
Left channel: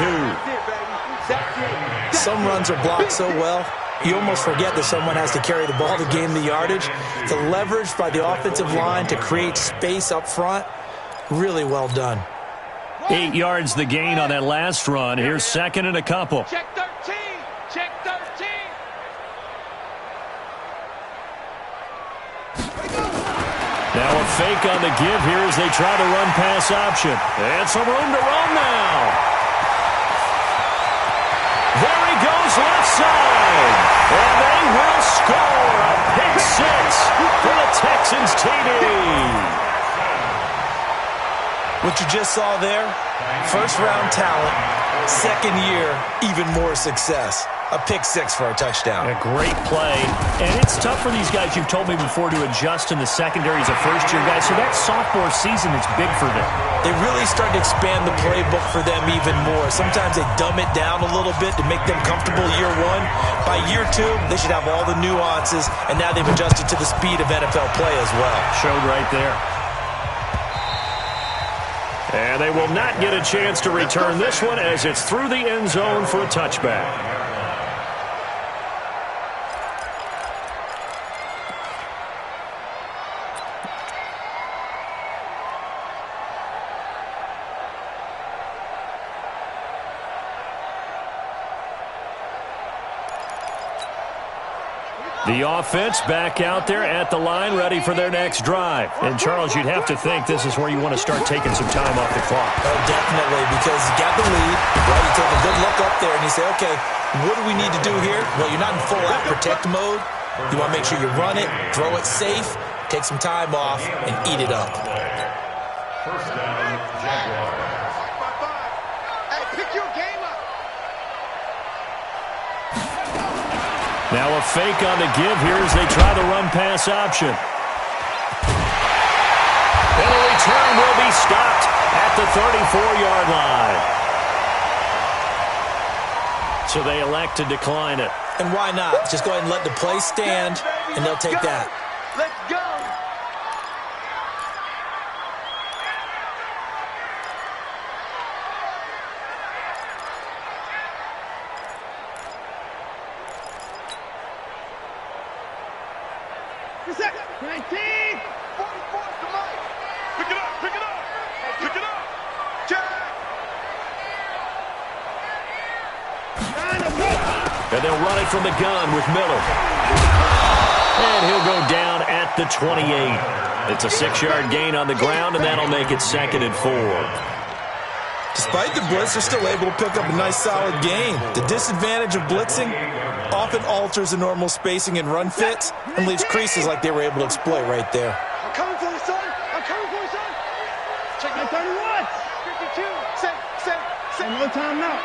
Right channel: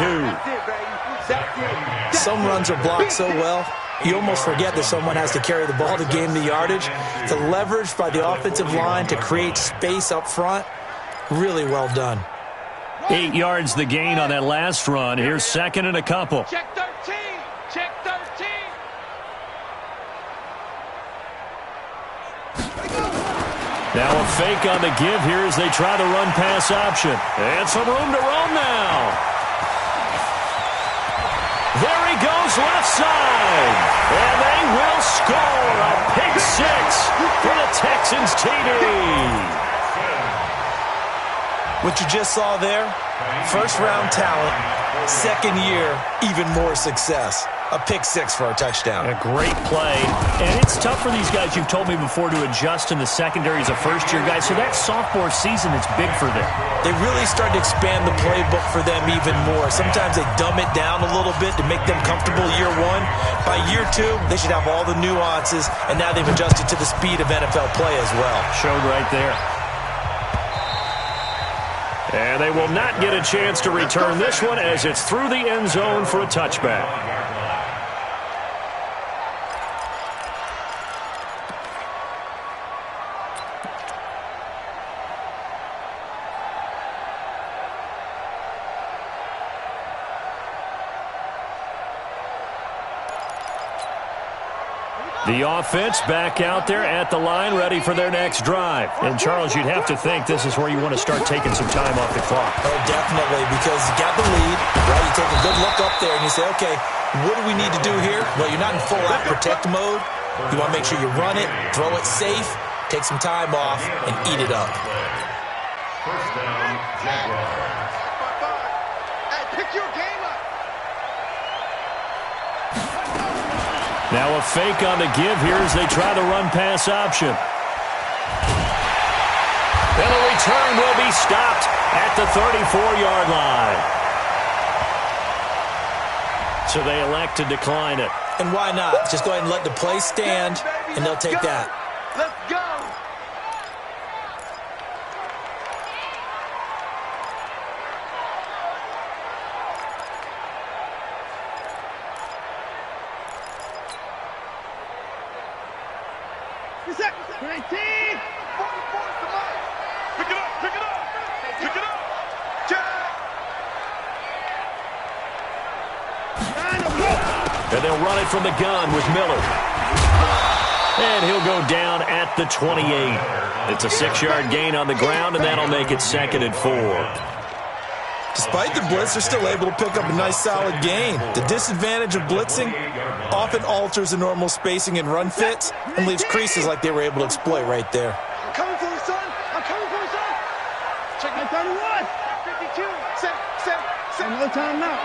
2. Some runs are blocked so well, you almost forget that someone has to carry the ball to gain the yardage. The leverage by the offensive line to create space up front, really well done. 8 yards the gain on that last run. Here's 2nd and a couple. Check 13. Check 13. Now a fake on the give here as they try the run-pass option. And some room to roam now. There he goes left side. And they will score a pick 6 for the Texans TD. What you just saw there, first-round talent, 2nd year, even more success. A pick 6 for a touchdown. A great play. And it's tough for these guys, you've told me before, to adjust in the secondary as a first-year guy. So that sophomore season is big for them. They really start to expand the playbook for them even more. Sometimes they dumb it down a little bit to make them comfortable year 1. By year 2, they should have all the nuances, and now they've adjusted to the speed of NFL play as well. Showed right there. And they will not get a chance to return this one as it's through the end zone for a touchback. The offense back out there at the line, ready for their next drive. And, Charles, you'd have to think this is where you want to start taking some time off the clock. Oh, definitely, because you got the lead, right? You take a good look up there and you say, okay, what do we need to do here? Well, you're not in full-out protect mode. You want to make sure you run it, throw it safe, take some time off, and eat it up. First down, Jaguars. Hey, pick your game up. Now a fake on the give here as they try the run-pass option. And the return will be stopped at the 34-yard line. So they elect to decline it. And why not? Just go ahead and let the play stand, and they'll take that. Let's go. Set. 19. 44 is the mic. Pick it up. Pick it up. Pick it up. Jack. And they'll run it from the gun with Miller. And he'll go down at the 28. It's a 6-yard gain on the ground, and that'll make it 2nd and 4. Despite the blitz, they're still able to pick up a nice solid gain. The disadvantage of blitzing often alters the normal spacing and run fits and leaves creases like they were able to exploit right there. I'm coming for you, son. I'm coming for you, son. Check my 31. 52. Say. No time now.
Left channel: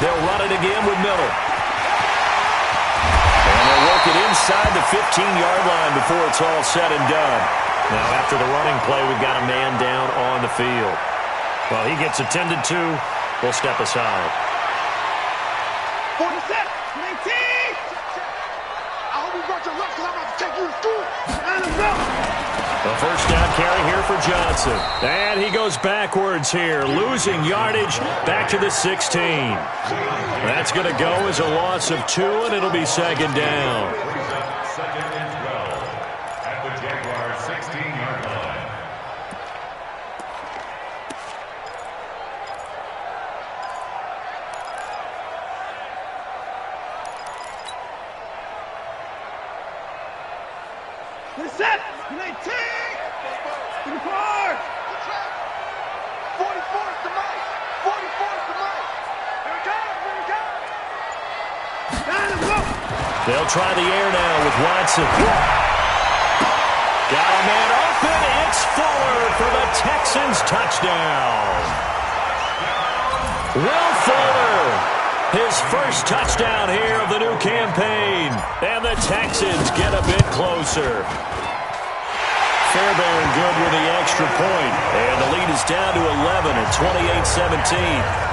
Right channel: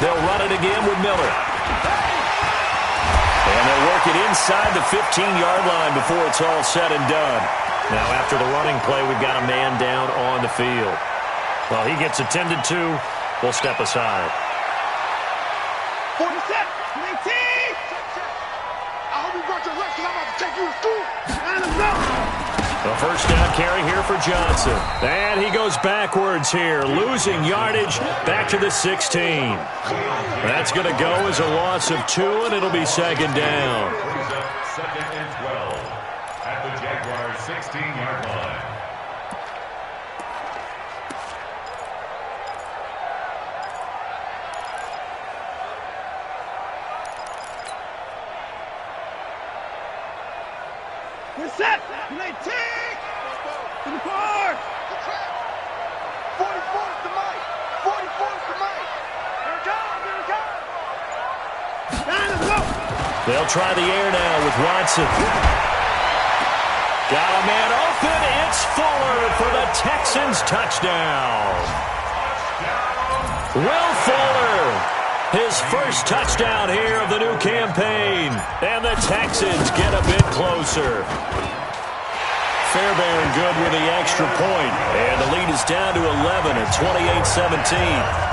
They'll run it again with Miller. And they'll work it inside the 15-yard line before it's all said and done. Now, after the running play, we've got a man down on the field. Well, he gets attended to. We'll step aside. 47. 19. Check. I hope you brought your lunch because I'm about to take you to school. And I'm out. A first down carry here for Johnson. And he goes backwards here, losing yardage back to the 16. That's going to go as a loss of 2, and it'll be 2nd down. 2nd and 12 at the Jaguars' 16-yard line. We're set. 19. To the car. The track. 44 is the mic. 44 is the mic. Here it comes. Down and go. They'll try the air now with Watson. Got a man open. It's Fuller for the Texans touchdown. Will Fuller. His first touchdown here of the new campaign. And the Texans get a bit closer. Fairbairn good with the extra point. And the lead is down to 11 at 28-17.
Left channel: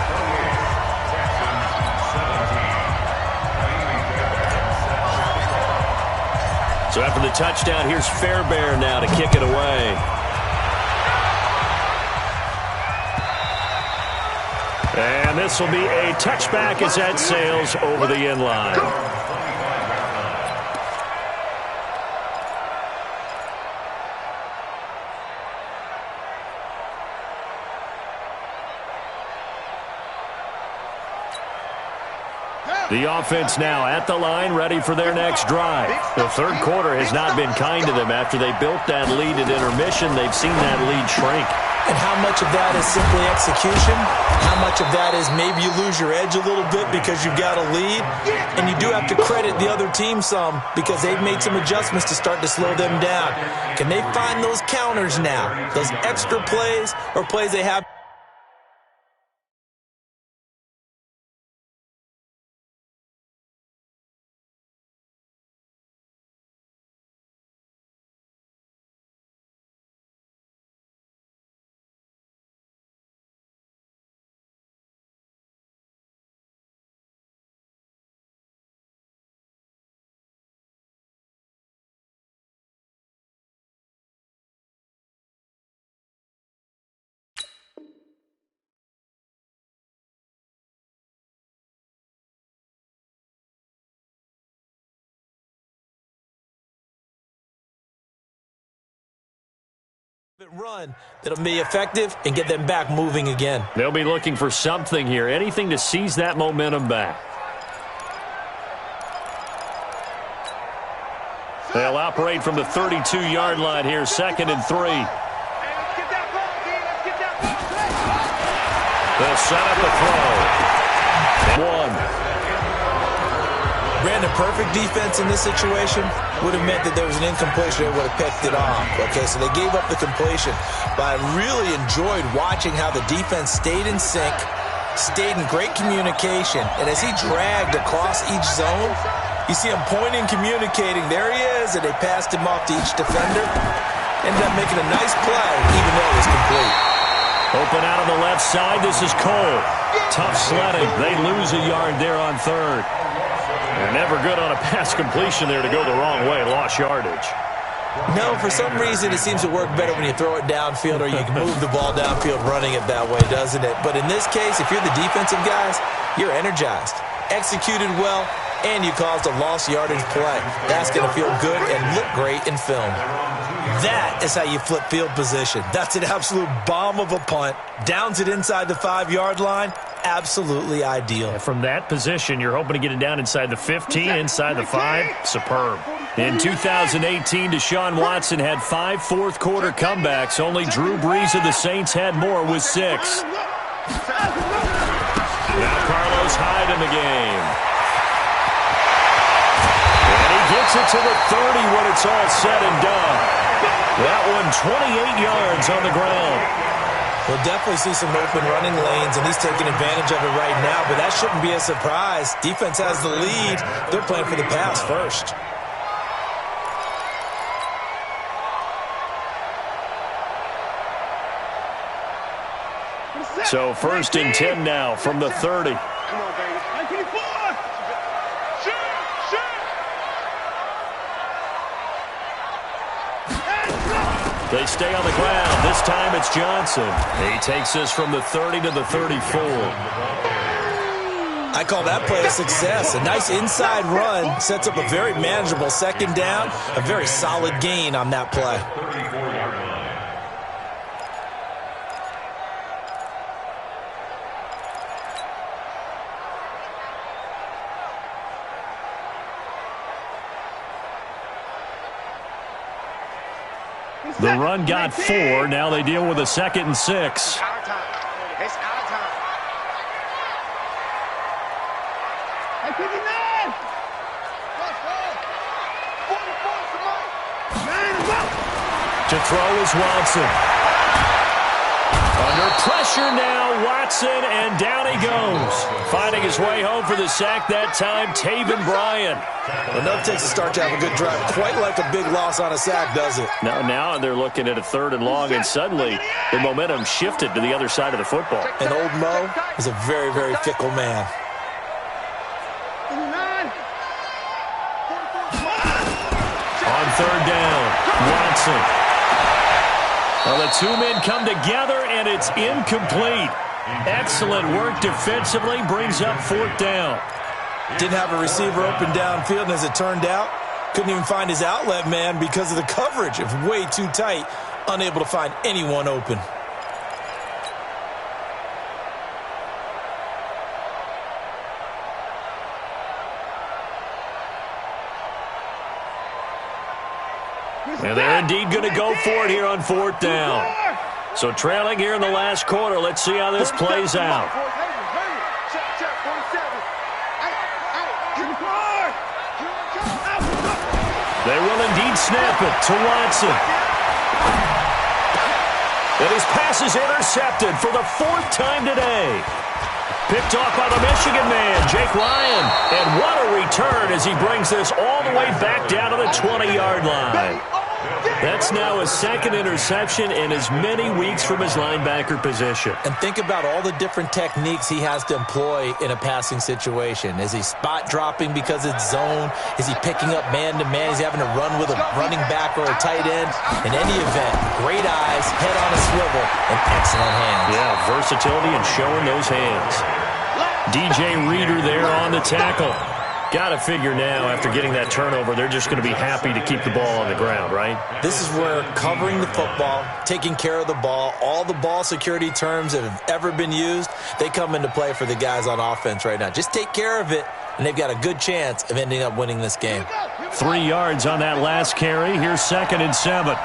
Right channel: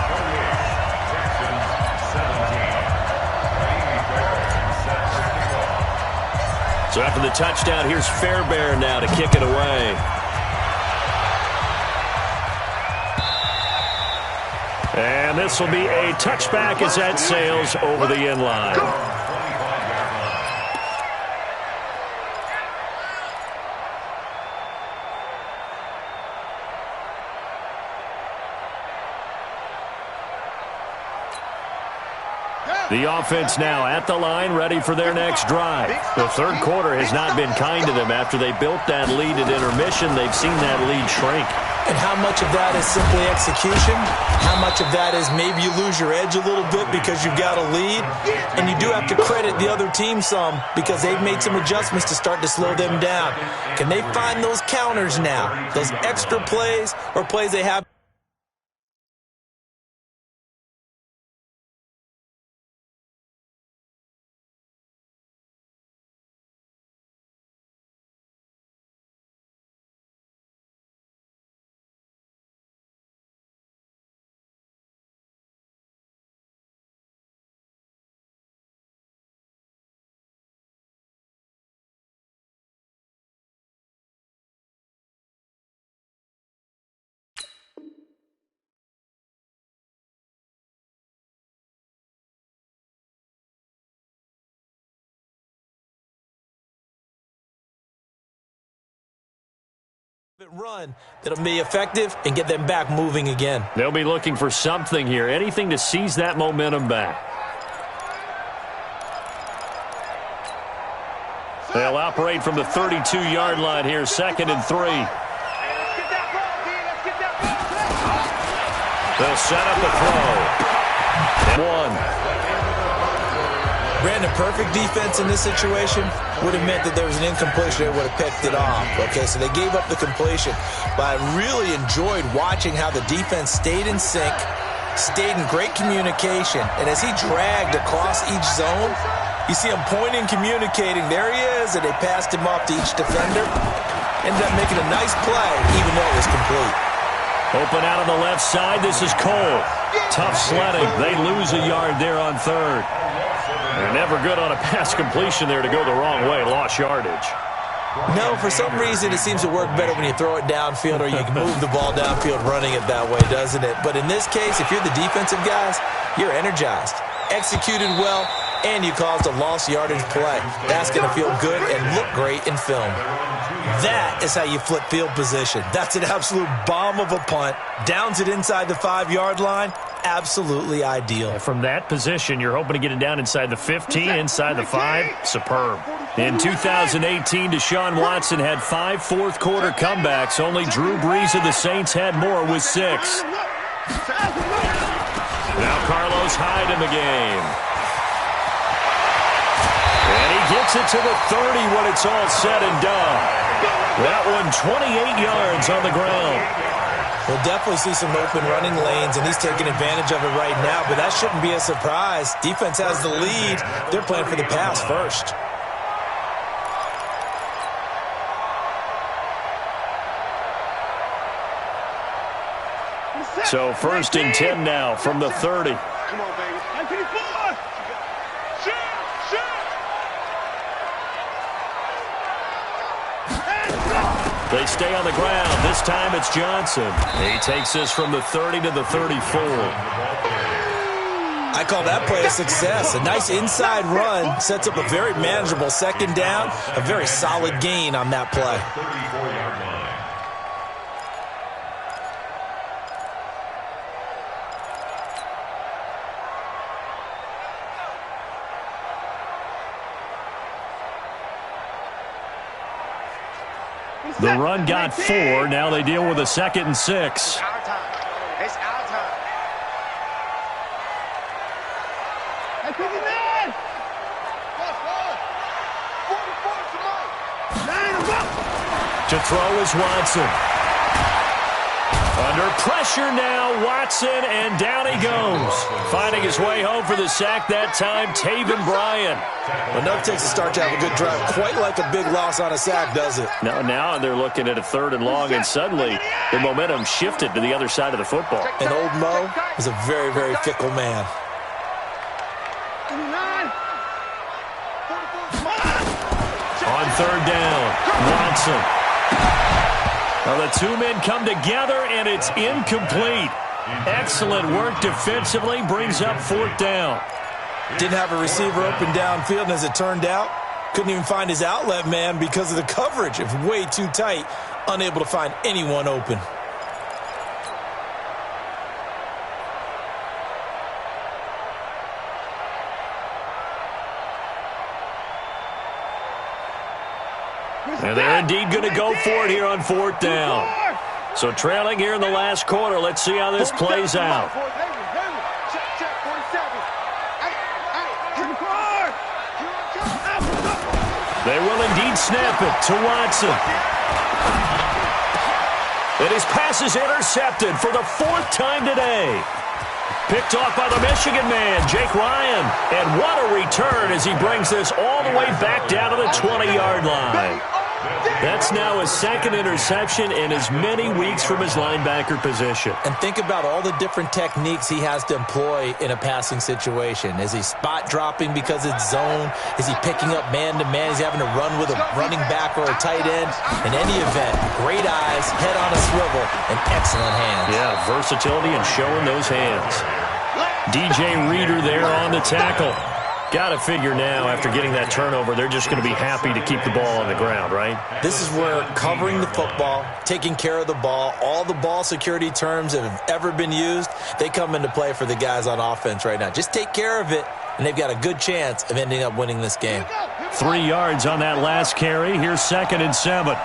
So after the touchdown, here's Fairbairn now to kick it away. And this will be a touchback as that sails over the end line. The offense now at the line, ready for their next drive. The third quarter has not been kind to them. After they built that lead at intermission, they've seen that lead shrink. And how much of that is simply execution? How much of that is maybe you lose your edge a little bit because you've got a lead? And you do have to credit the other team some because they've made some adjustments to start to slow them down. Can they find those counters now? Those extra plays or plays they have? Run that'll be effective and get them back moving again. They'll be looking for something here, anything to seize that momentum back. They'll operate from the 32-yard line here, 2nd and 3. Hey, let's get that ball, D. Let's get that ball. They'll set up the throw. And 1. Brandon, perfect defense in this situation would have meant that there was an incompletion. They would have picked it off. Okay, so they gave up the completion. But I really enjoyed watching how the defense stayed in sync, stayed in great communication. And as he dragged across each zone, you see him pointing, communicating. There he is, and they passed him off to each defender. Ended up making a nice play, even though it was complete. Open out on the left side. This is Cole. Tough sledding. They lose a yard there on 3rd. And never good on a pass completion there to go the wrong way. Lost yardage. No, for some reason it seems to work better when you throw it downfield or you can move the ball downfield running it that way, doesn't it? But in this case, if you're the defensive guys, you're energized, executed well, and you caused a lost yardage play. That's going to feel good and look great in film. That is how you flip field position. That's an absolute bomb of a punt. Downs it inside the 5-yard line. absolutely ideal. And from that position, you're hoping to get it down inside the 15, inside the 5. Superb. In 2018, Deshaun Watson had 5 fourth-quarter comebacks. Only Drew Brees of the Saints had more with 6. Now Carlos Hyde in the game. And he gets it to the 30 when it's all said and done. That one 28 yards on the ground. We'll definitely see some open running lanes, and he's taking advantage of it right now, but that shouldn't be a surprise. Defense has the lead. They're playing for the pass first. So 1st and 10 now from the 30. Come on, baby. 1984. Shoot. They stay on the ground. This time it's Johnson. He takes this from the 30 to the 34. I call that play a success. A nice inside run sets up a very manageable 2nd down. A very solid gain on that play. 34-yard line. The run got 4. Now they deal with a 2nd and 6. It's our time. It's our time. Hey, 59. Plus 44 is the mic. To throw is Watson. Under pressure now, Watson, and down he goes. Finding his way home for the sack that time, Taven Bryan. Enough takes to start to have a good drive. Quite like a big loss on a sack, does it? Now they're looking at a 3rd and long, and suddenly the momentum shifted to the other side of the football. And old Mo is a very, very fickle man. 59. 44. On 3rd down, Watson. Well, the 2 men come together, and it's incomplete. Excellent work defensively, brings up 4th down. Didn't have a receiver open downfield, and as it turned out, couldn't even find his outlet man because of the coverage. It was way too tight, unable to find anyone open. And they're indeed going to go for it here on 4th down. So trailing here in the last quarter. Let's see how this plays out. Check, 47. They will indeed snap it to Watson. And his pass is intercepted for the 4th time today. Picked off by the Michigan man, Jake Ryan. And what a return as he brings this all the way back down to the 20-yard line. That's now his 2nd interception in as many weeks from his linebacker position. And think about all the different techniques he has to employ in a passing situation. Is he spot dropping because it's zone? Is he picking up man-to-man? Is he having to run with a running back or a tight end? In any event, great eyes, head on a swivel, and excellent hands. Yeah, versatility and showing those hands. DJ Reader there on the tackle. Got to figure now, after getting that turnover, they're just going to be happy to keep the ball on the ground, right? This is where covering the football, taking care of the ball, all the ball security terms that have ever been used, they come into play for the guys on offense right now. Just take care of it, and they've got a good chance of ending up winning this game. 3 yards on that last carry. Here's 2nd and 7.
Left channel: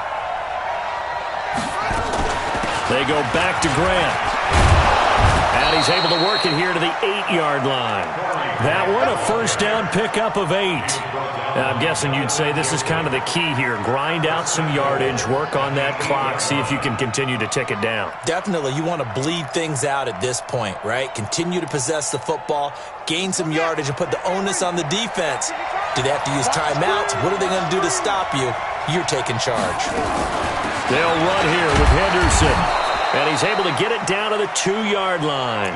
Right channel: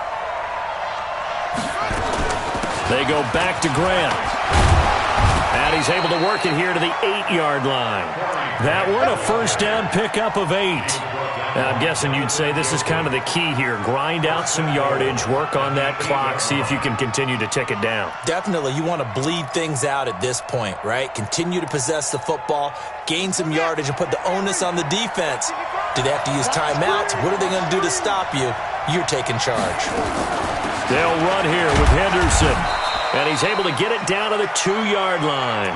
They go back to Grant. And he's able to work it here to the 8-yard line. That one, a 1st down pickup of 8. Now, I'm guessing you'd say this is kind of the key here. Grind out some yardage, work on that clock, see if you can continue to tick it down. Definitely. You want to bleed things out at this point, right? Continue to possess the football, gain some yardage, and put the onus on the defense. Do they have to use timeouts? What are they going to do to stop you? You're taking charge. They'll run here with Henderson. And he's able to get it down to the 2-yard line.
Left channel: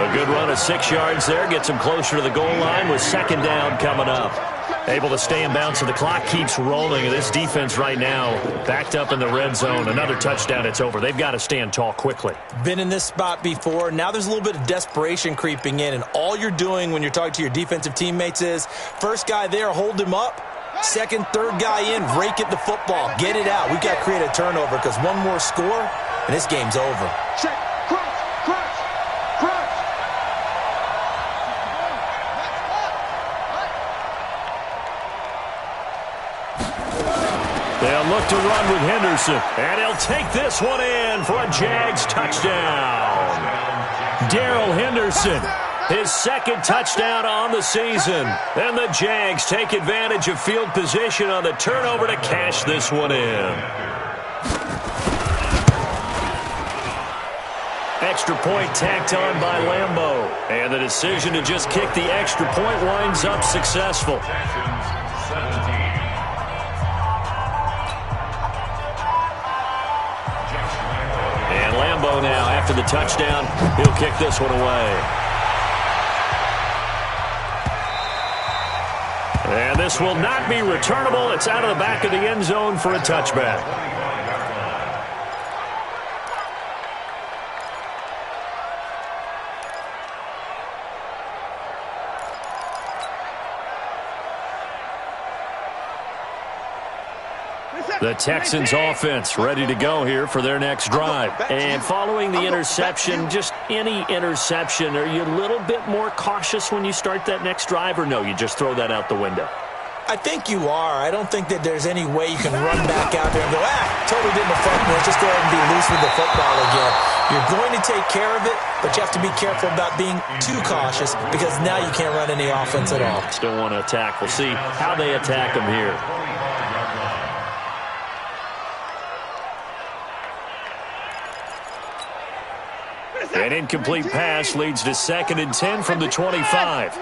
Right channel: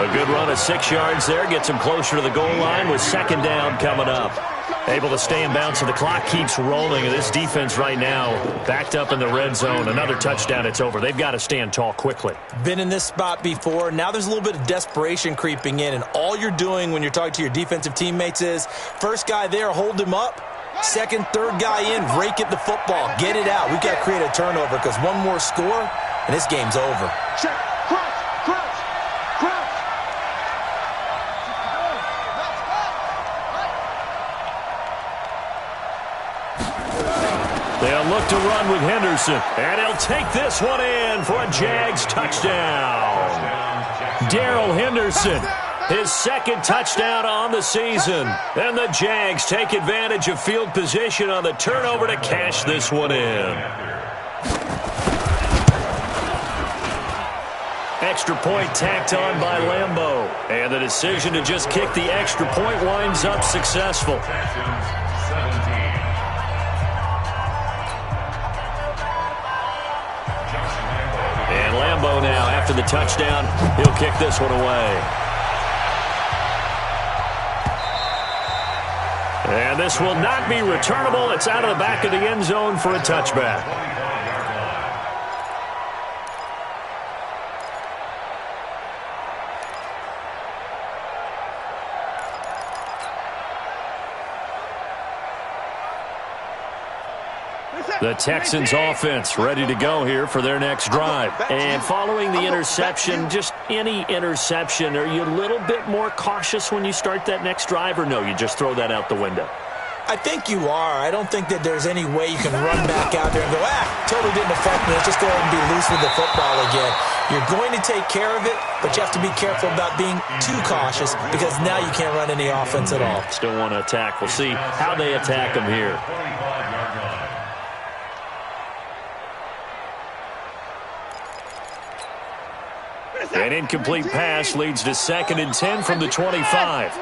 A good run of 6 yards there. Gets him closer to the goal line with 2nd down coming up. Able to stay in bounds, so the clock keeps rolling. And this defense right now backed up in the red zone. Another touchdown, it's over. They've got to stand tall quickly. Been in this spot before. Now there's a little bit of desperation creeping in. And all you're doing when you're talking to your defensive teammates is, first guy there, hold him up. 2nd, 3rd guy in, rake at the football. Get it out. We've got to create a turnover because one more score, and this game's over. Check, crunch. They'll look to run with Henderson. And he'll take this one in for a Jags touchdown. Darrell Henderson, his second touchdown on the season. And the Jags take advantage of field position on the turnover to cash this one in. Extra point tacked on by Lambeau. And the decision to just kick the extra point winds up successful. And Lambeau now, after the touchdown, he'll kick this one away. And this will not be returnable. It's out of the back of the end zone for a touchback. The Texans offense ready to go here for their next drive. And following the interception, just any interception, are you a little bit more cautious when you start that next drive, or no, you just throw that out the window? I think you are. I don't think that there's any way you can run back out there and go, totally didn't affect me. Let's just go ahead and be loose with the football again. You're going to take care of it, but you have to be careful about being too cautious because now you can't run any offense at all. Still want to attack. We'll see how they attack them here. An incomplete pass leads to 2nd and 10 from the 25.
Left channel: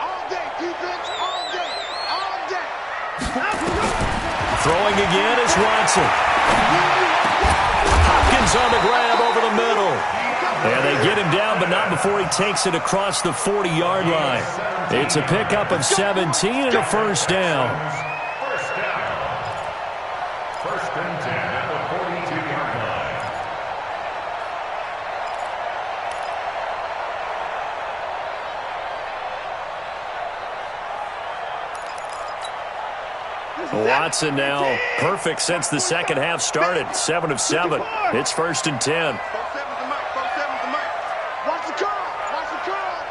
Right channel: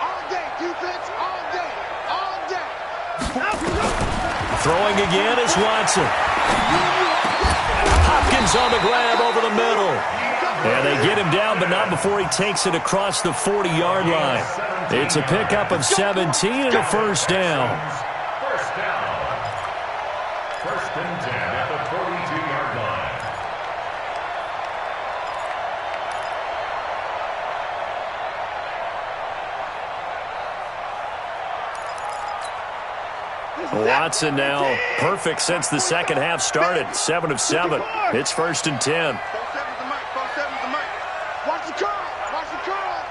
All day, defense, all day, all day. Throwing again is Watson. Hopkins on the grab over the middle. And they get him down, but not before he takes it across the 40-yard line. It's a pickup of 17 and a first down. First down. 1st and 10 at the 42-yard line. Watson now perfect since the second half started. 7 of 7. It's 1st and 10. 4-7's the mic. 4-7's the mic. Watch the curl. Watch the curl.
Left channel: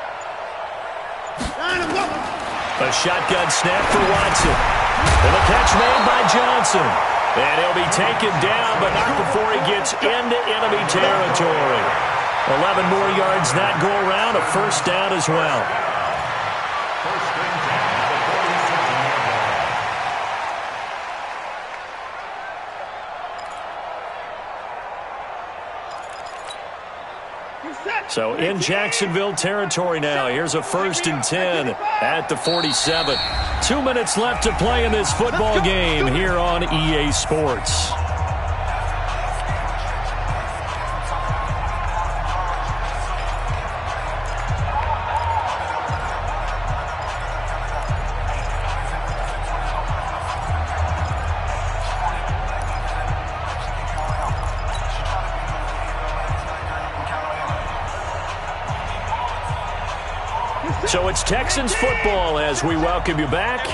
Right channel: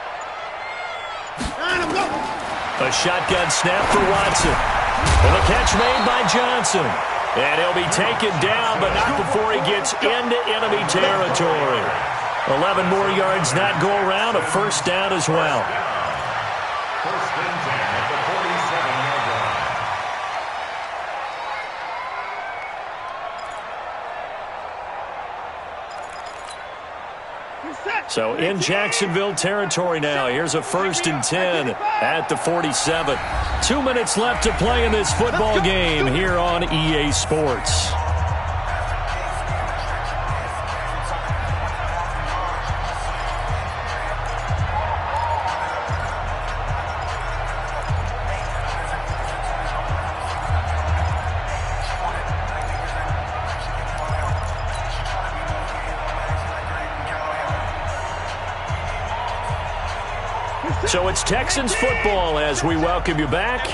A shotgun snap for Watson. And the catch made by Johnson. And he'll be taken down, but not before he gets into enemy territory. 11 more yards that go around. A first down as well. 1st and 10 at the 47-yard line. So in Jacksonville territory now. Here's a 1st and 10 at the 47. 2 minutes left to play in this football game here on EA Sports. So it's Texans football as we welcome you back.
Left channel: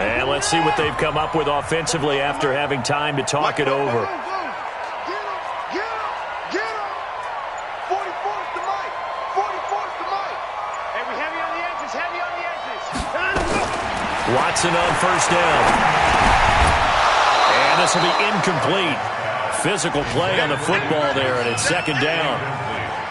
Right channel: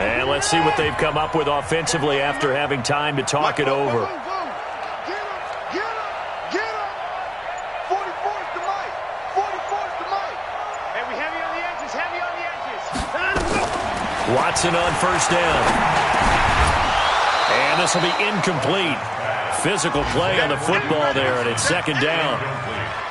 And let's see what they've come up with offensively after having time to talk it over. Get him. Get him. 44's the mic. 44's the mic. Hey, we heavy on the edges. Heavy on the edges. Watson on first down. And this will be incomplete. Physical play on the football there, and it's 2nd down.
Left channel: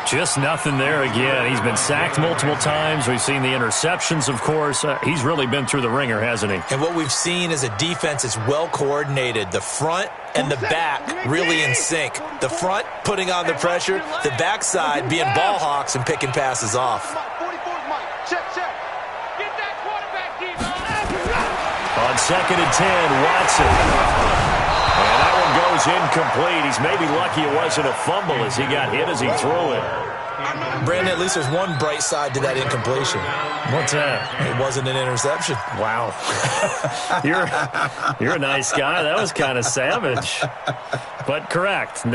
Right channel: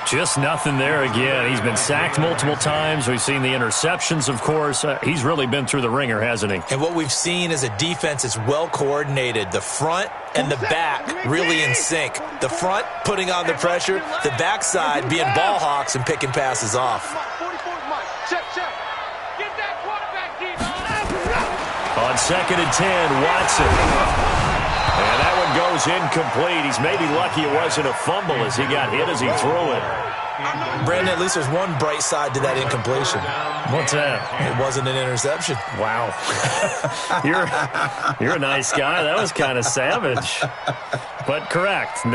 Just nothing there again. He's been sacked multiple times. We've seen the interceptions, of course. He's really been through the ringer, hasn't he? And what we've seen is a defense that's well coordinated. The front and the back really in sync. The front putting on the pressure, the backside being ball hawks and picking passes off. 44's mic. Check. Get that quarterback deep. On 2nd and 10, Watson. And that one goes incomplete. He's maybe lucky it wasn't a fumble as he got hit as he threw it. Brandon, at least there's one bright side to that incompletion. What's that? It wasn't an interception. Wow. You're a nice guy. That was kind of savage. But correct.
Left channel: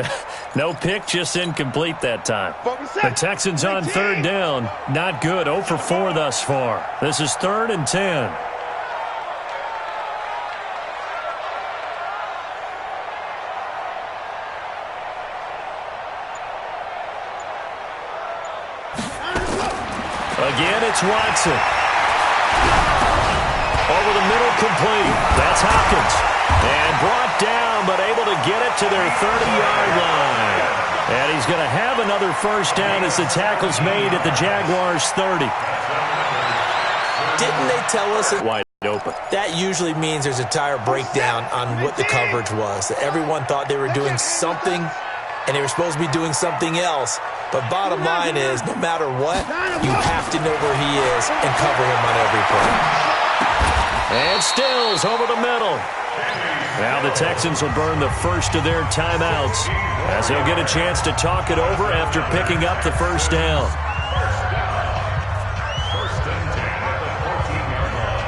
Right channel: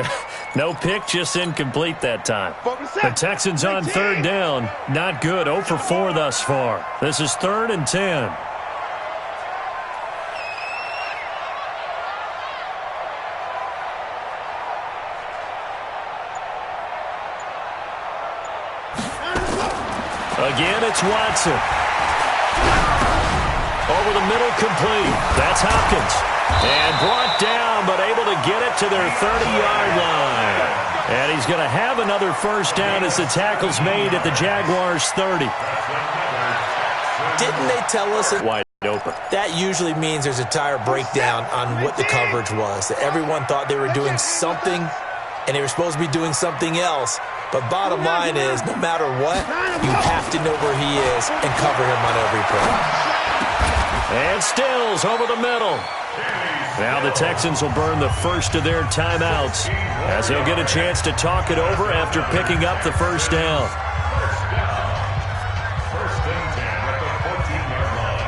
No pick, just incomplete that time. The Texans on 3rd down. Not good. 0 for 4 thus far. This is 3rd and 10. Again, it's Watson. Over the middle, complete. That's Hopkins. And brought down, but able to get it to their 30-yard line. And he's going to have another first down as the tackle's made at the Jaguars' 30. Didn't they tell us it? Wide open. That usually means there's a tire breakdown on what the coverage was. That everyone thought they were doing something, and they were supposed to be doing something else. But bottom line is, no matter what, you have to know where he is and cover him on every play. And Stills over the middle. Now the Texans will burn the first of their timeouts as they'll get a chance to talk it over after picking up the first down. First and 10 at the 14-yard line.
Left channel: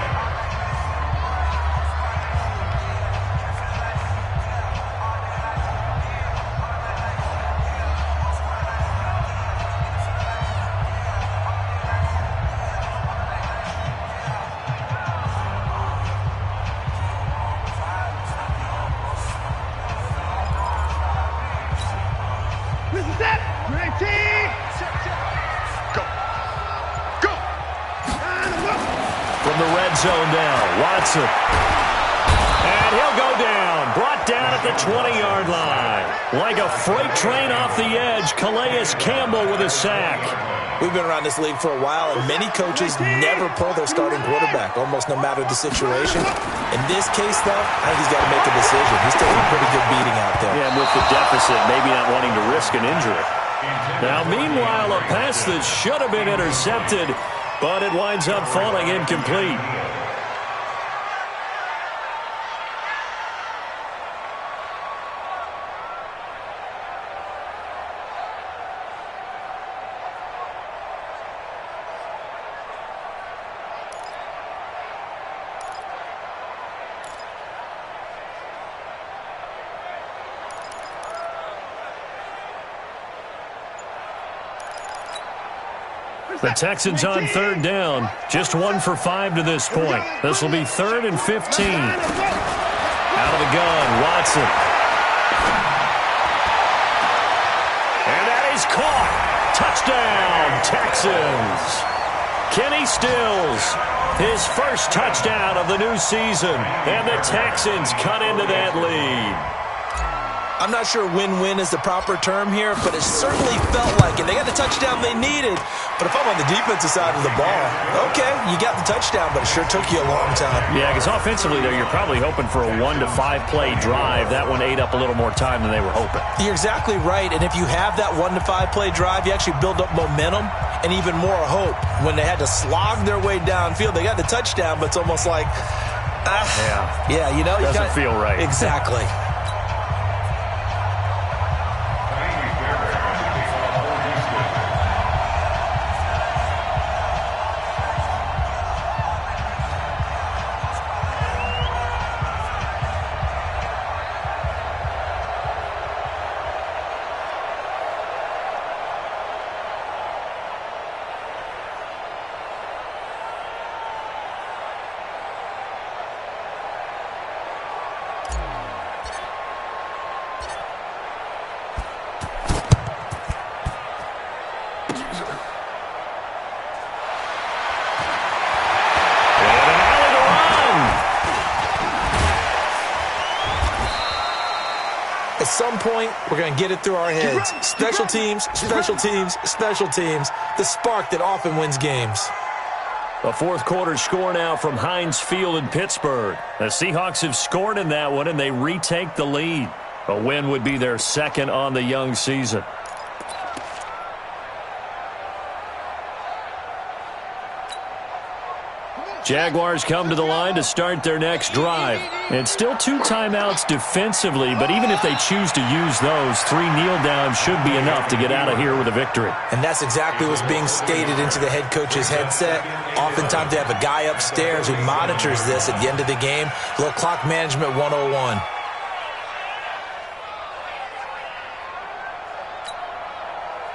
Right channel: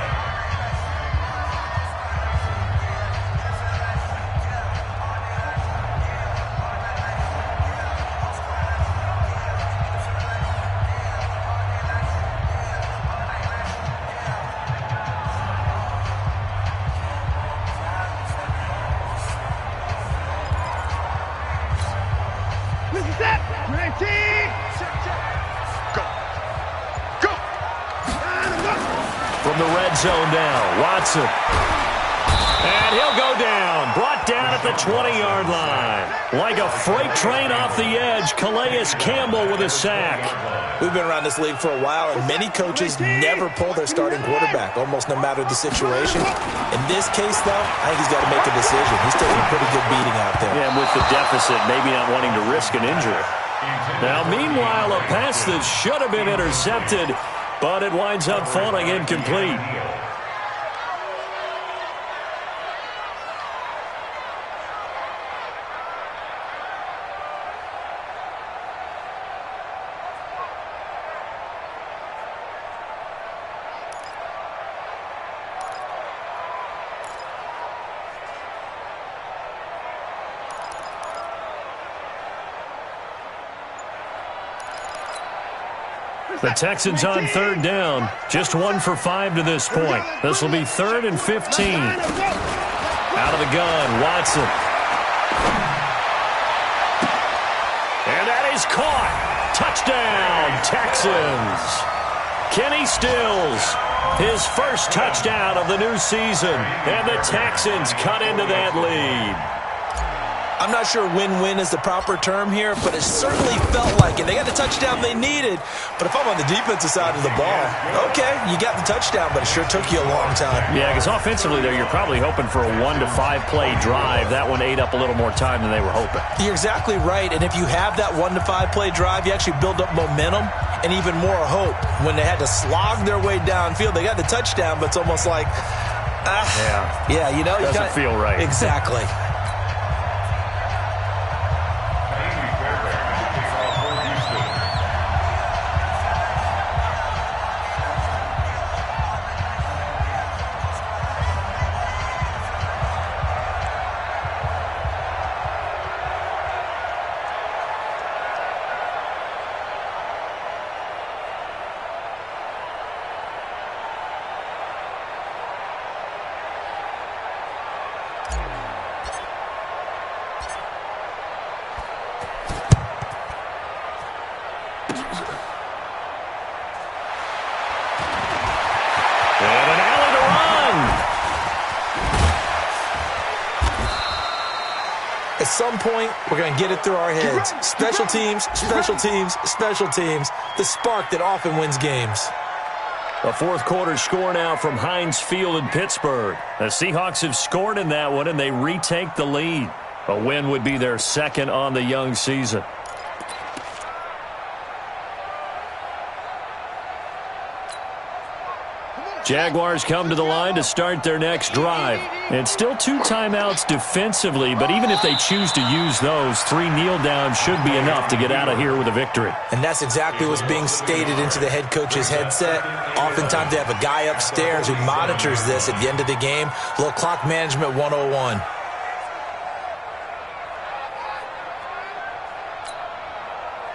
Mr. Set, great team. Check, check. Go. Go. From the red zone now, Watson. And he'll go down. Brought down at the 20-yard line. Like a freight train off the edge, Calais Campbell with a sack. We've been around this league for a while, and many coaches never pull their starting quarterback, almost no matter the situation. In this case, though, I think he's got to make a decision. He's taking a pretty good beating out there. Yeah, and with the deficit, maybe not wanting to risk an injury. Now, meanwhile, a pass that should have been intercepted, but it winds up falling incomplete. The Texans on third down. Just 1 for 5 to this point. This will be 3rd and 15. Out of the gun, Watson. And that is caught. Touchdown, Texans. Kenny Stills, his first touchdown of the new season. And the Texans cut into that lead. I'm not sure win-win is the proper term here, but it certainly felt like it. They got the touchdown they needed, but if I'm on the defensive side of the ball, okay, you got the touchdown, but it sure took you a long time. Yeah, because offensively there, you're probably hoping for a 1 to 5 play drive. That one ate up a little more time than they were hoping. You're exactly right, and if you have that 1 to 5 play drive, you actually build up momentum and even more hope. When they had to slog their way downfield, they got the touchdown, but it's almost like, yeah, you know, doesn't feel right. Exactly. At some point, we're going to get it through our heads. Special teams, special teams, special teams. The spark that often wins games. A fourth quarter score now from Heinz Field in Pittsburgh. The Seahawks have scored in that one, and they retake the lead. A win would be their second on the young season. Jaguars come to the line to start their next drive. It's still 2 timeouts defensively, but even if they choose to use those, 3 kneel downs should be enough to get out of here with a victory. And that's exactly what's being stated into the head coach's headset. Oftentimes they have a guy upstairs who monitors this at the end of the game. A little clock management 101.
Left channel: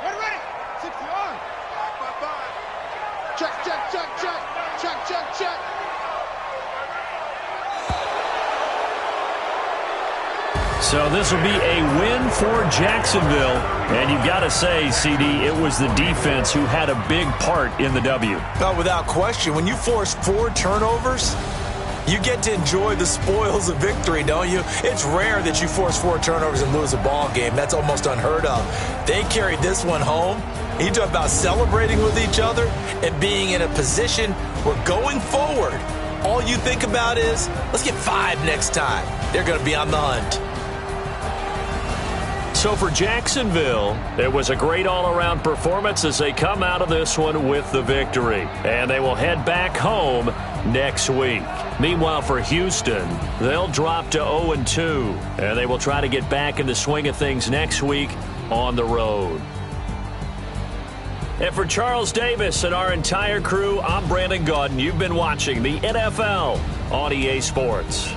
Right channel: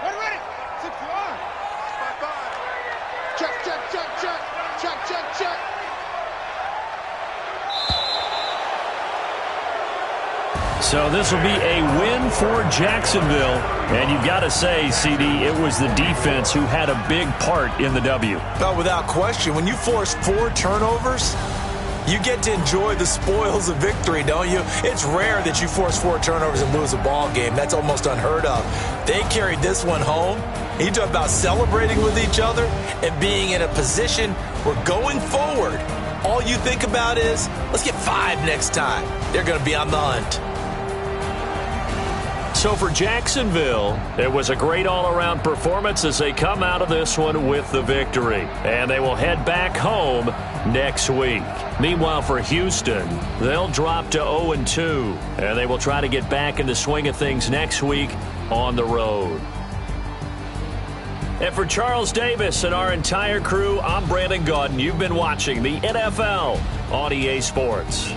Ready. 60 on. 5-5-5. Check. Check. So this will be a win for Jacksonville. And you've got to say, CD, it was the defense who had a big part in the W. Oh, without question. When you force 4 turnovers, You get to enjoy the spoils of victory, don't you? It's rare that you force 4 turnovers and lose a ball game. That's almost unheard of. They carried this one home. You talk about celebrating with each other and being in a position where going forward, all you think about is, let's get 5 next time. They're going to be on the hunt. So for Jacksonville, it was a great all-around performance as they come out of this one with the victory. And they will head back home next week. Meanwhile, for Houston, they'll drop to 0-2, and they will try to get back in the swing of things next week on the road. And for Charles Davis and our entire crew, I'm Brandon Gaudin. You've been watching the NFL on EA Sports.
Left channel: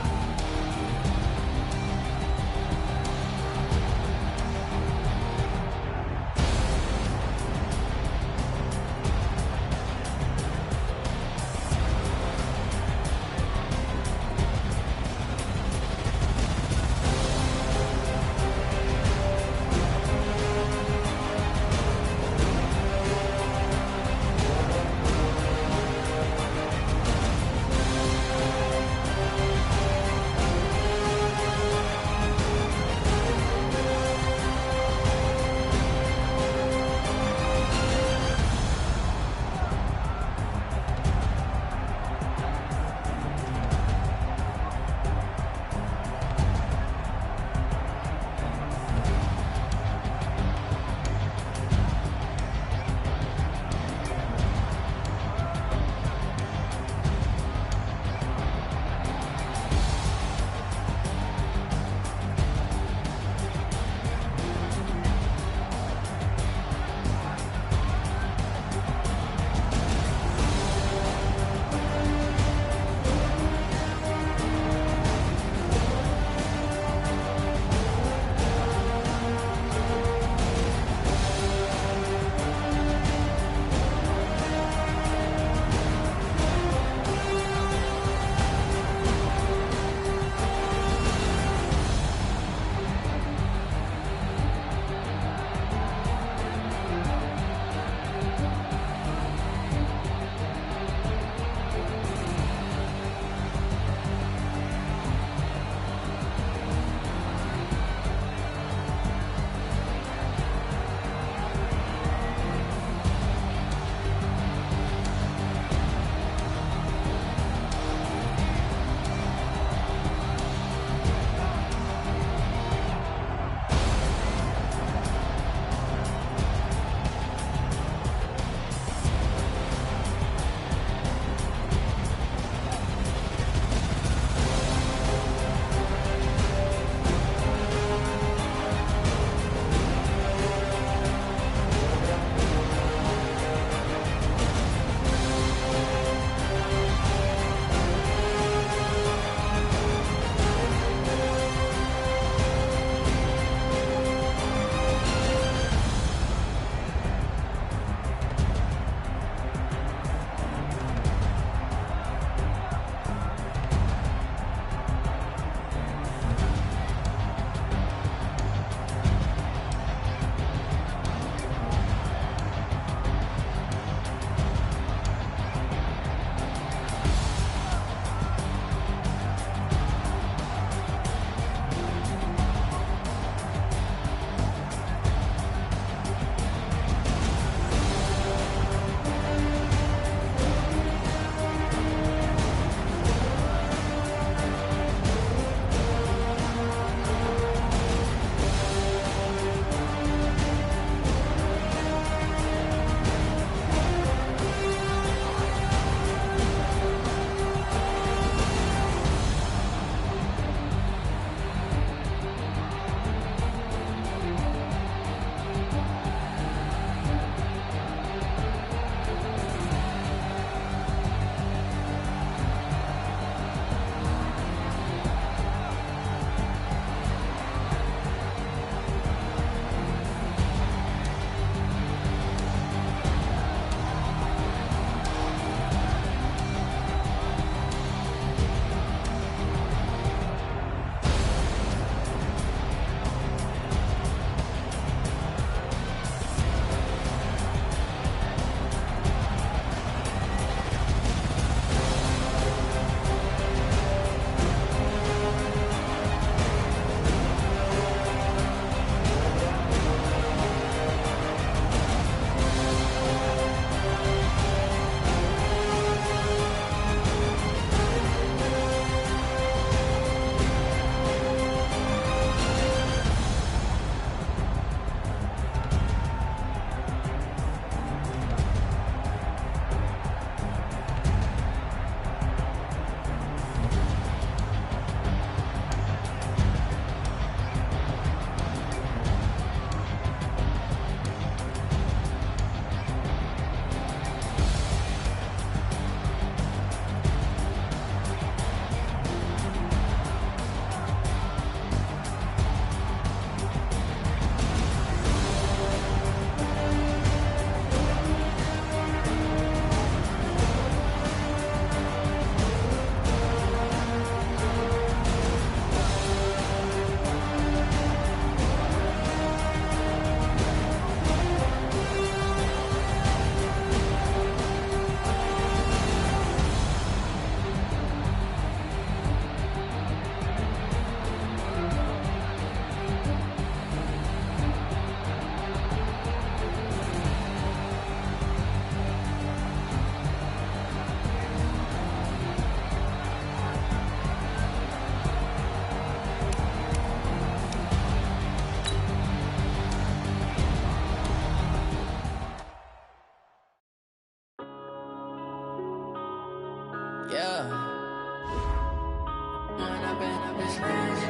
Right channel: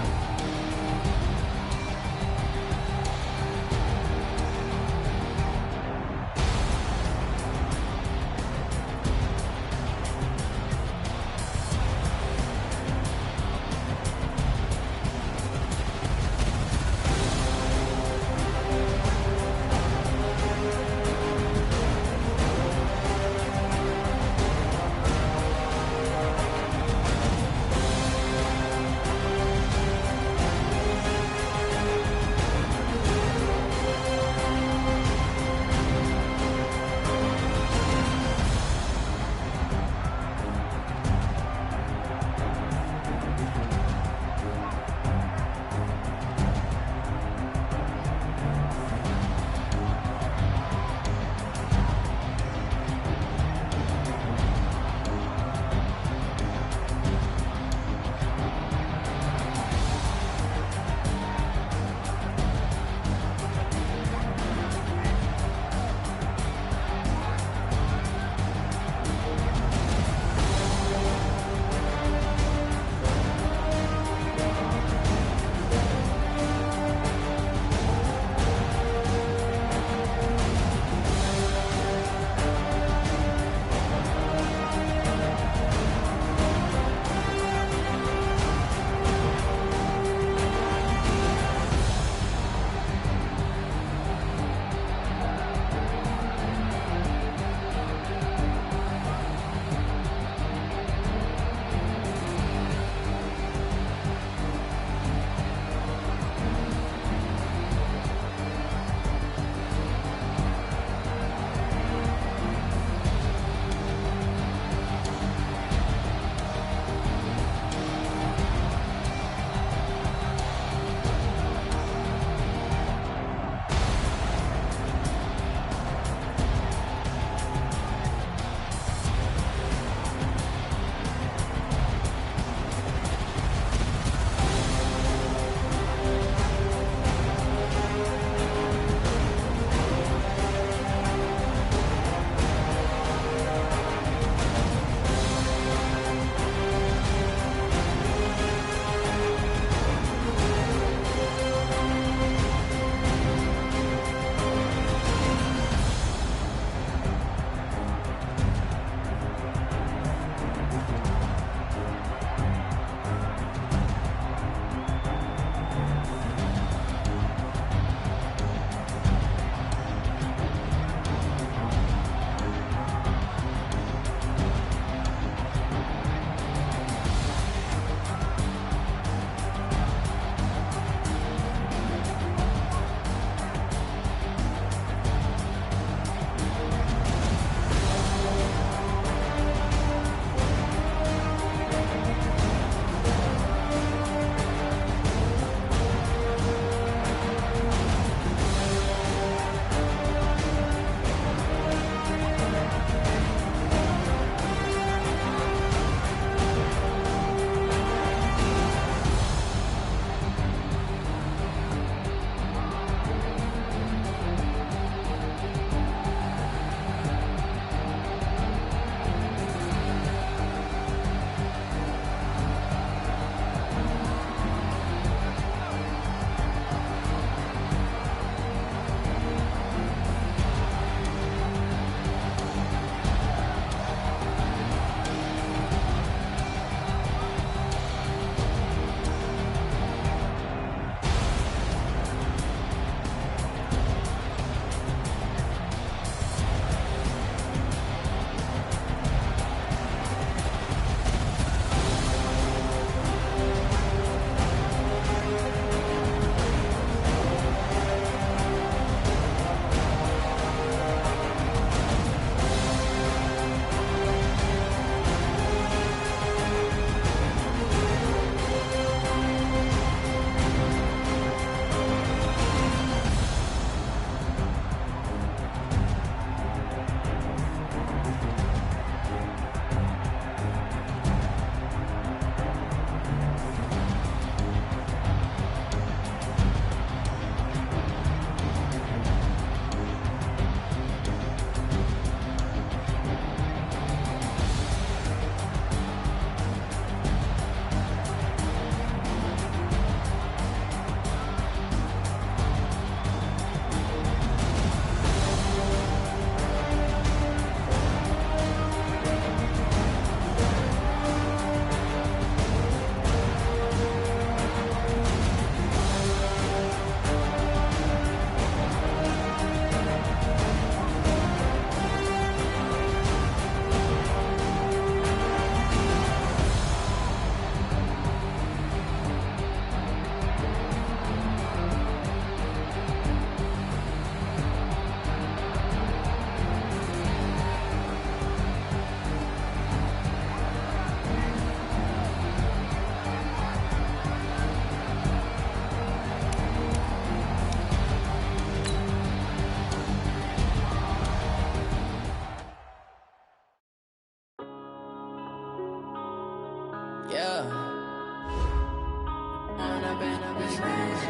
this magic.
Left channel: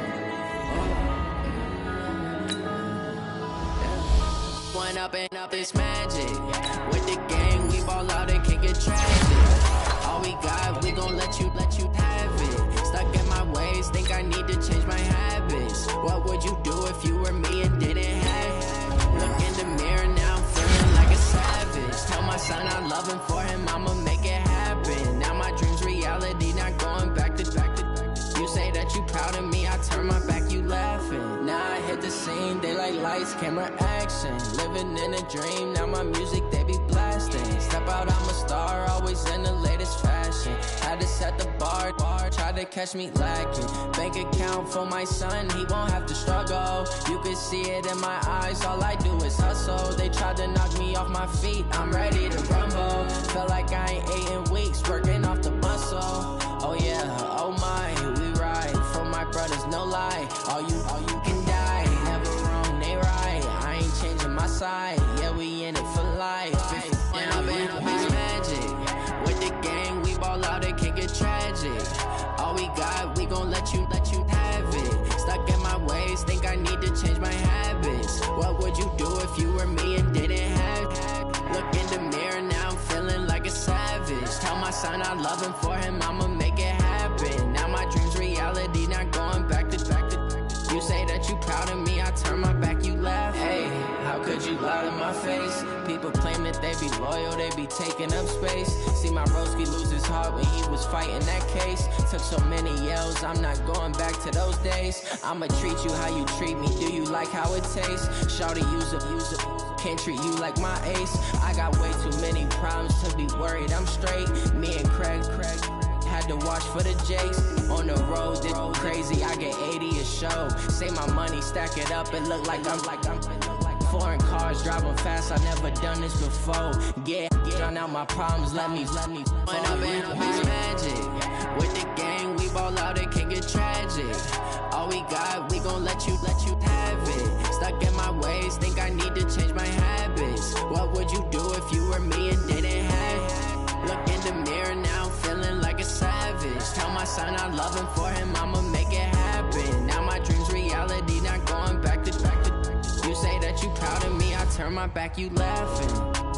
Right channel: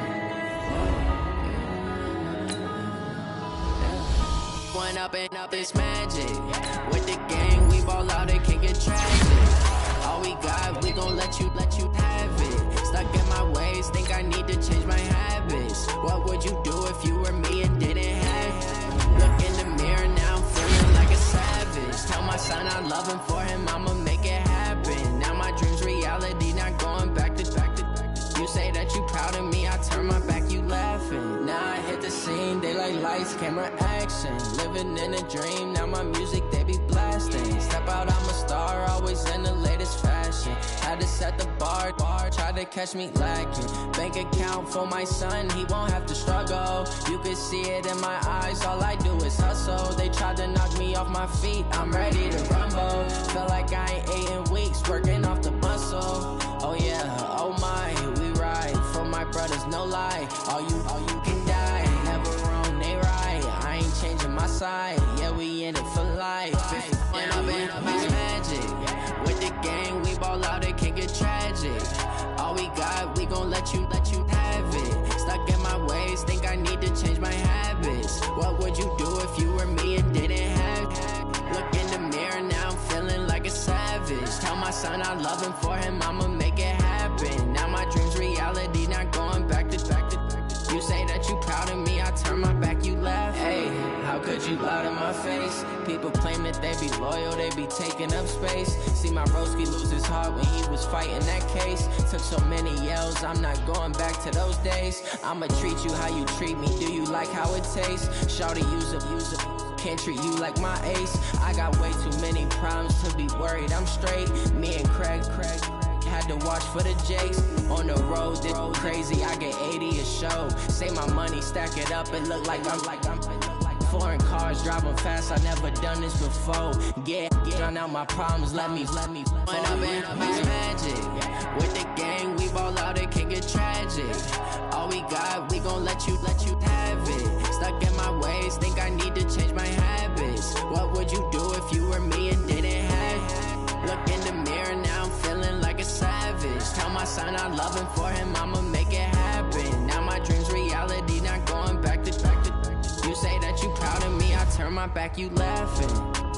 One up and up this magic. With the gang, we ball out, it can get tragic. All we got, we gon' let you have it. Stuck in my ways, think I need to change my habits. What would you do if you were me and didn't have it? Look in the mirror now, I'm feeling like a savage. Tell my son I love him, for him I'ma make it happen. Now my dream's reality, not going back to. You say that you proud of me, I turn my back, you laughing. Now I hit the scene, daylight lights, camera action. Living in a dream, now my music, they be blasting. Step out, I'm a star, always in the latest fashion. Had to set the bar, try to catch me lacking. Bank account for my son, he won't have to struggle. You can see it in my eyes, all I do is hustle. They tried to knock me off my feet, I'm ready to rumble. Felt like I ain't ate in weeks, working off the muscle. Oh yeah, oh my, we ride for my brothers, no lie. All you can die, never wrong, they right. I ain't changing my side, yeah, we in it for life. When up it's magic. With the gang, we ball out, it can get tragic. All we got, we gon' let you have it. Stuck in my ways, think I need to change my habits. What would you do if you were me and didn't have it? Look in the mirror, now I'm feeling like a savage. Tell my son I love him, for him I'ma make it happen. Now my dream's reality, not going back to. You say that you proud of me, I turn my back, you laugh. Hey, how could you lie to my face? People claim that they be loyal, they be taking up space. See my broski lose his heart when he was fighting that case. Took so many yells, I'm not going back to those days. I'ma treat you how you treat me, do you like how it tastes? Shawty, use up, can't treat you like my ace. I got way too many problems to be worried, I'm straight. Me and Craig had to watch for the Jakes. On the road, this crazy, I get 80 a show. Say my money, stack it up, it look like I'm foreign cars, driving fast, I never done this before. Yeah, drown out my problems, let me When up it's magic. With the gang, we ball out, it can get tragic. All we got, we gon' let you have it. Stuck in my ways, think I need to change my habits. What would you do if you were me and didn't have it? Look in the mirror, now I'm feeling like a savage. Tell my son I love him, for him I'ma make it happen. Now my dream's reality, not going back to. You say that you proud of me, I turn my back, you laughing.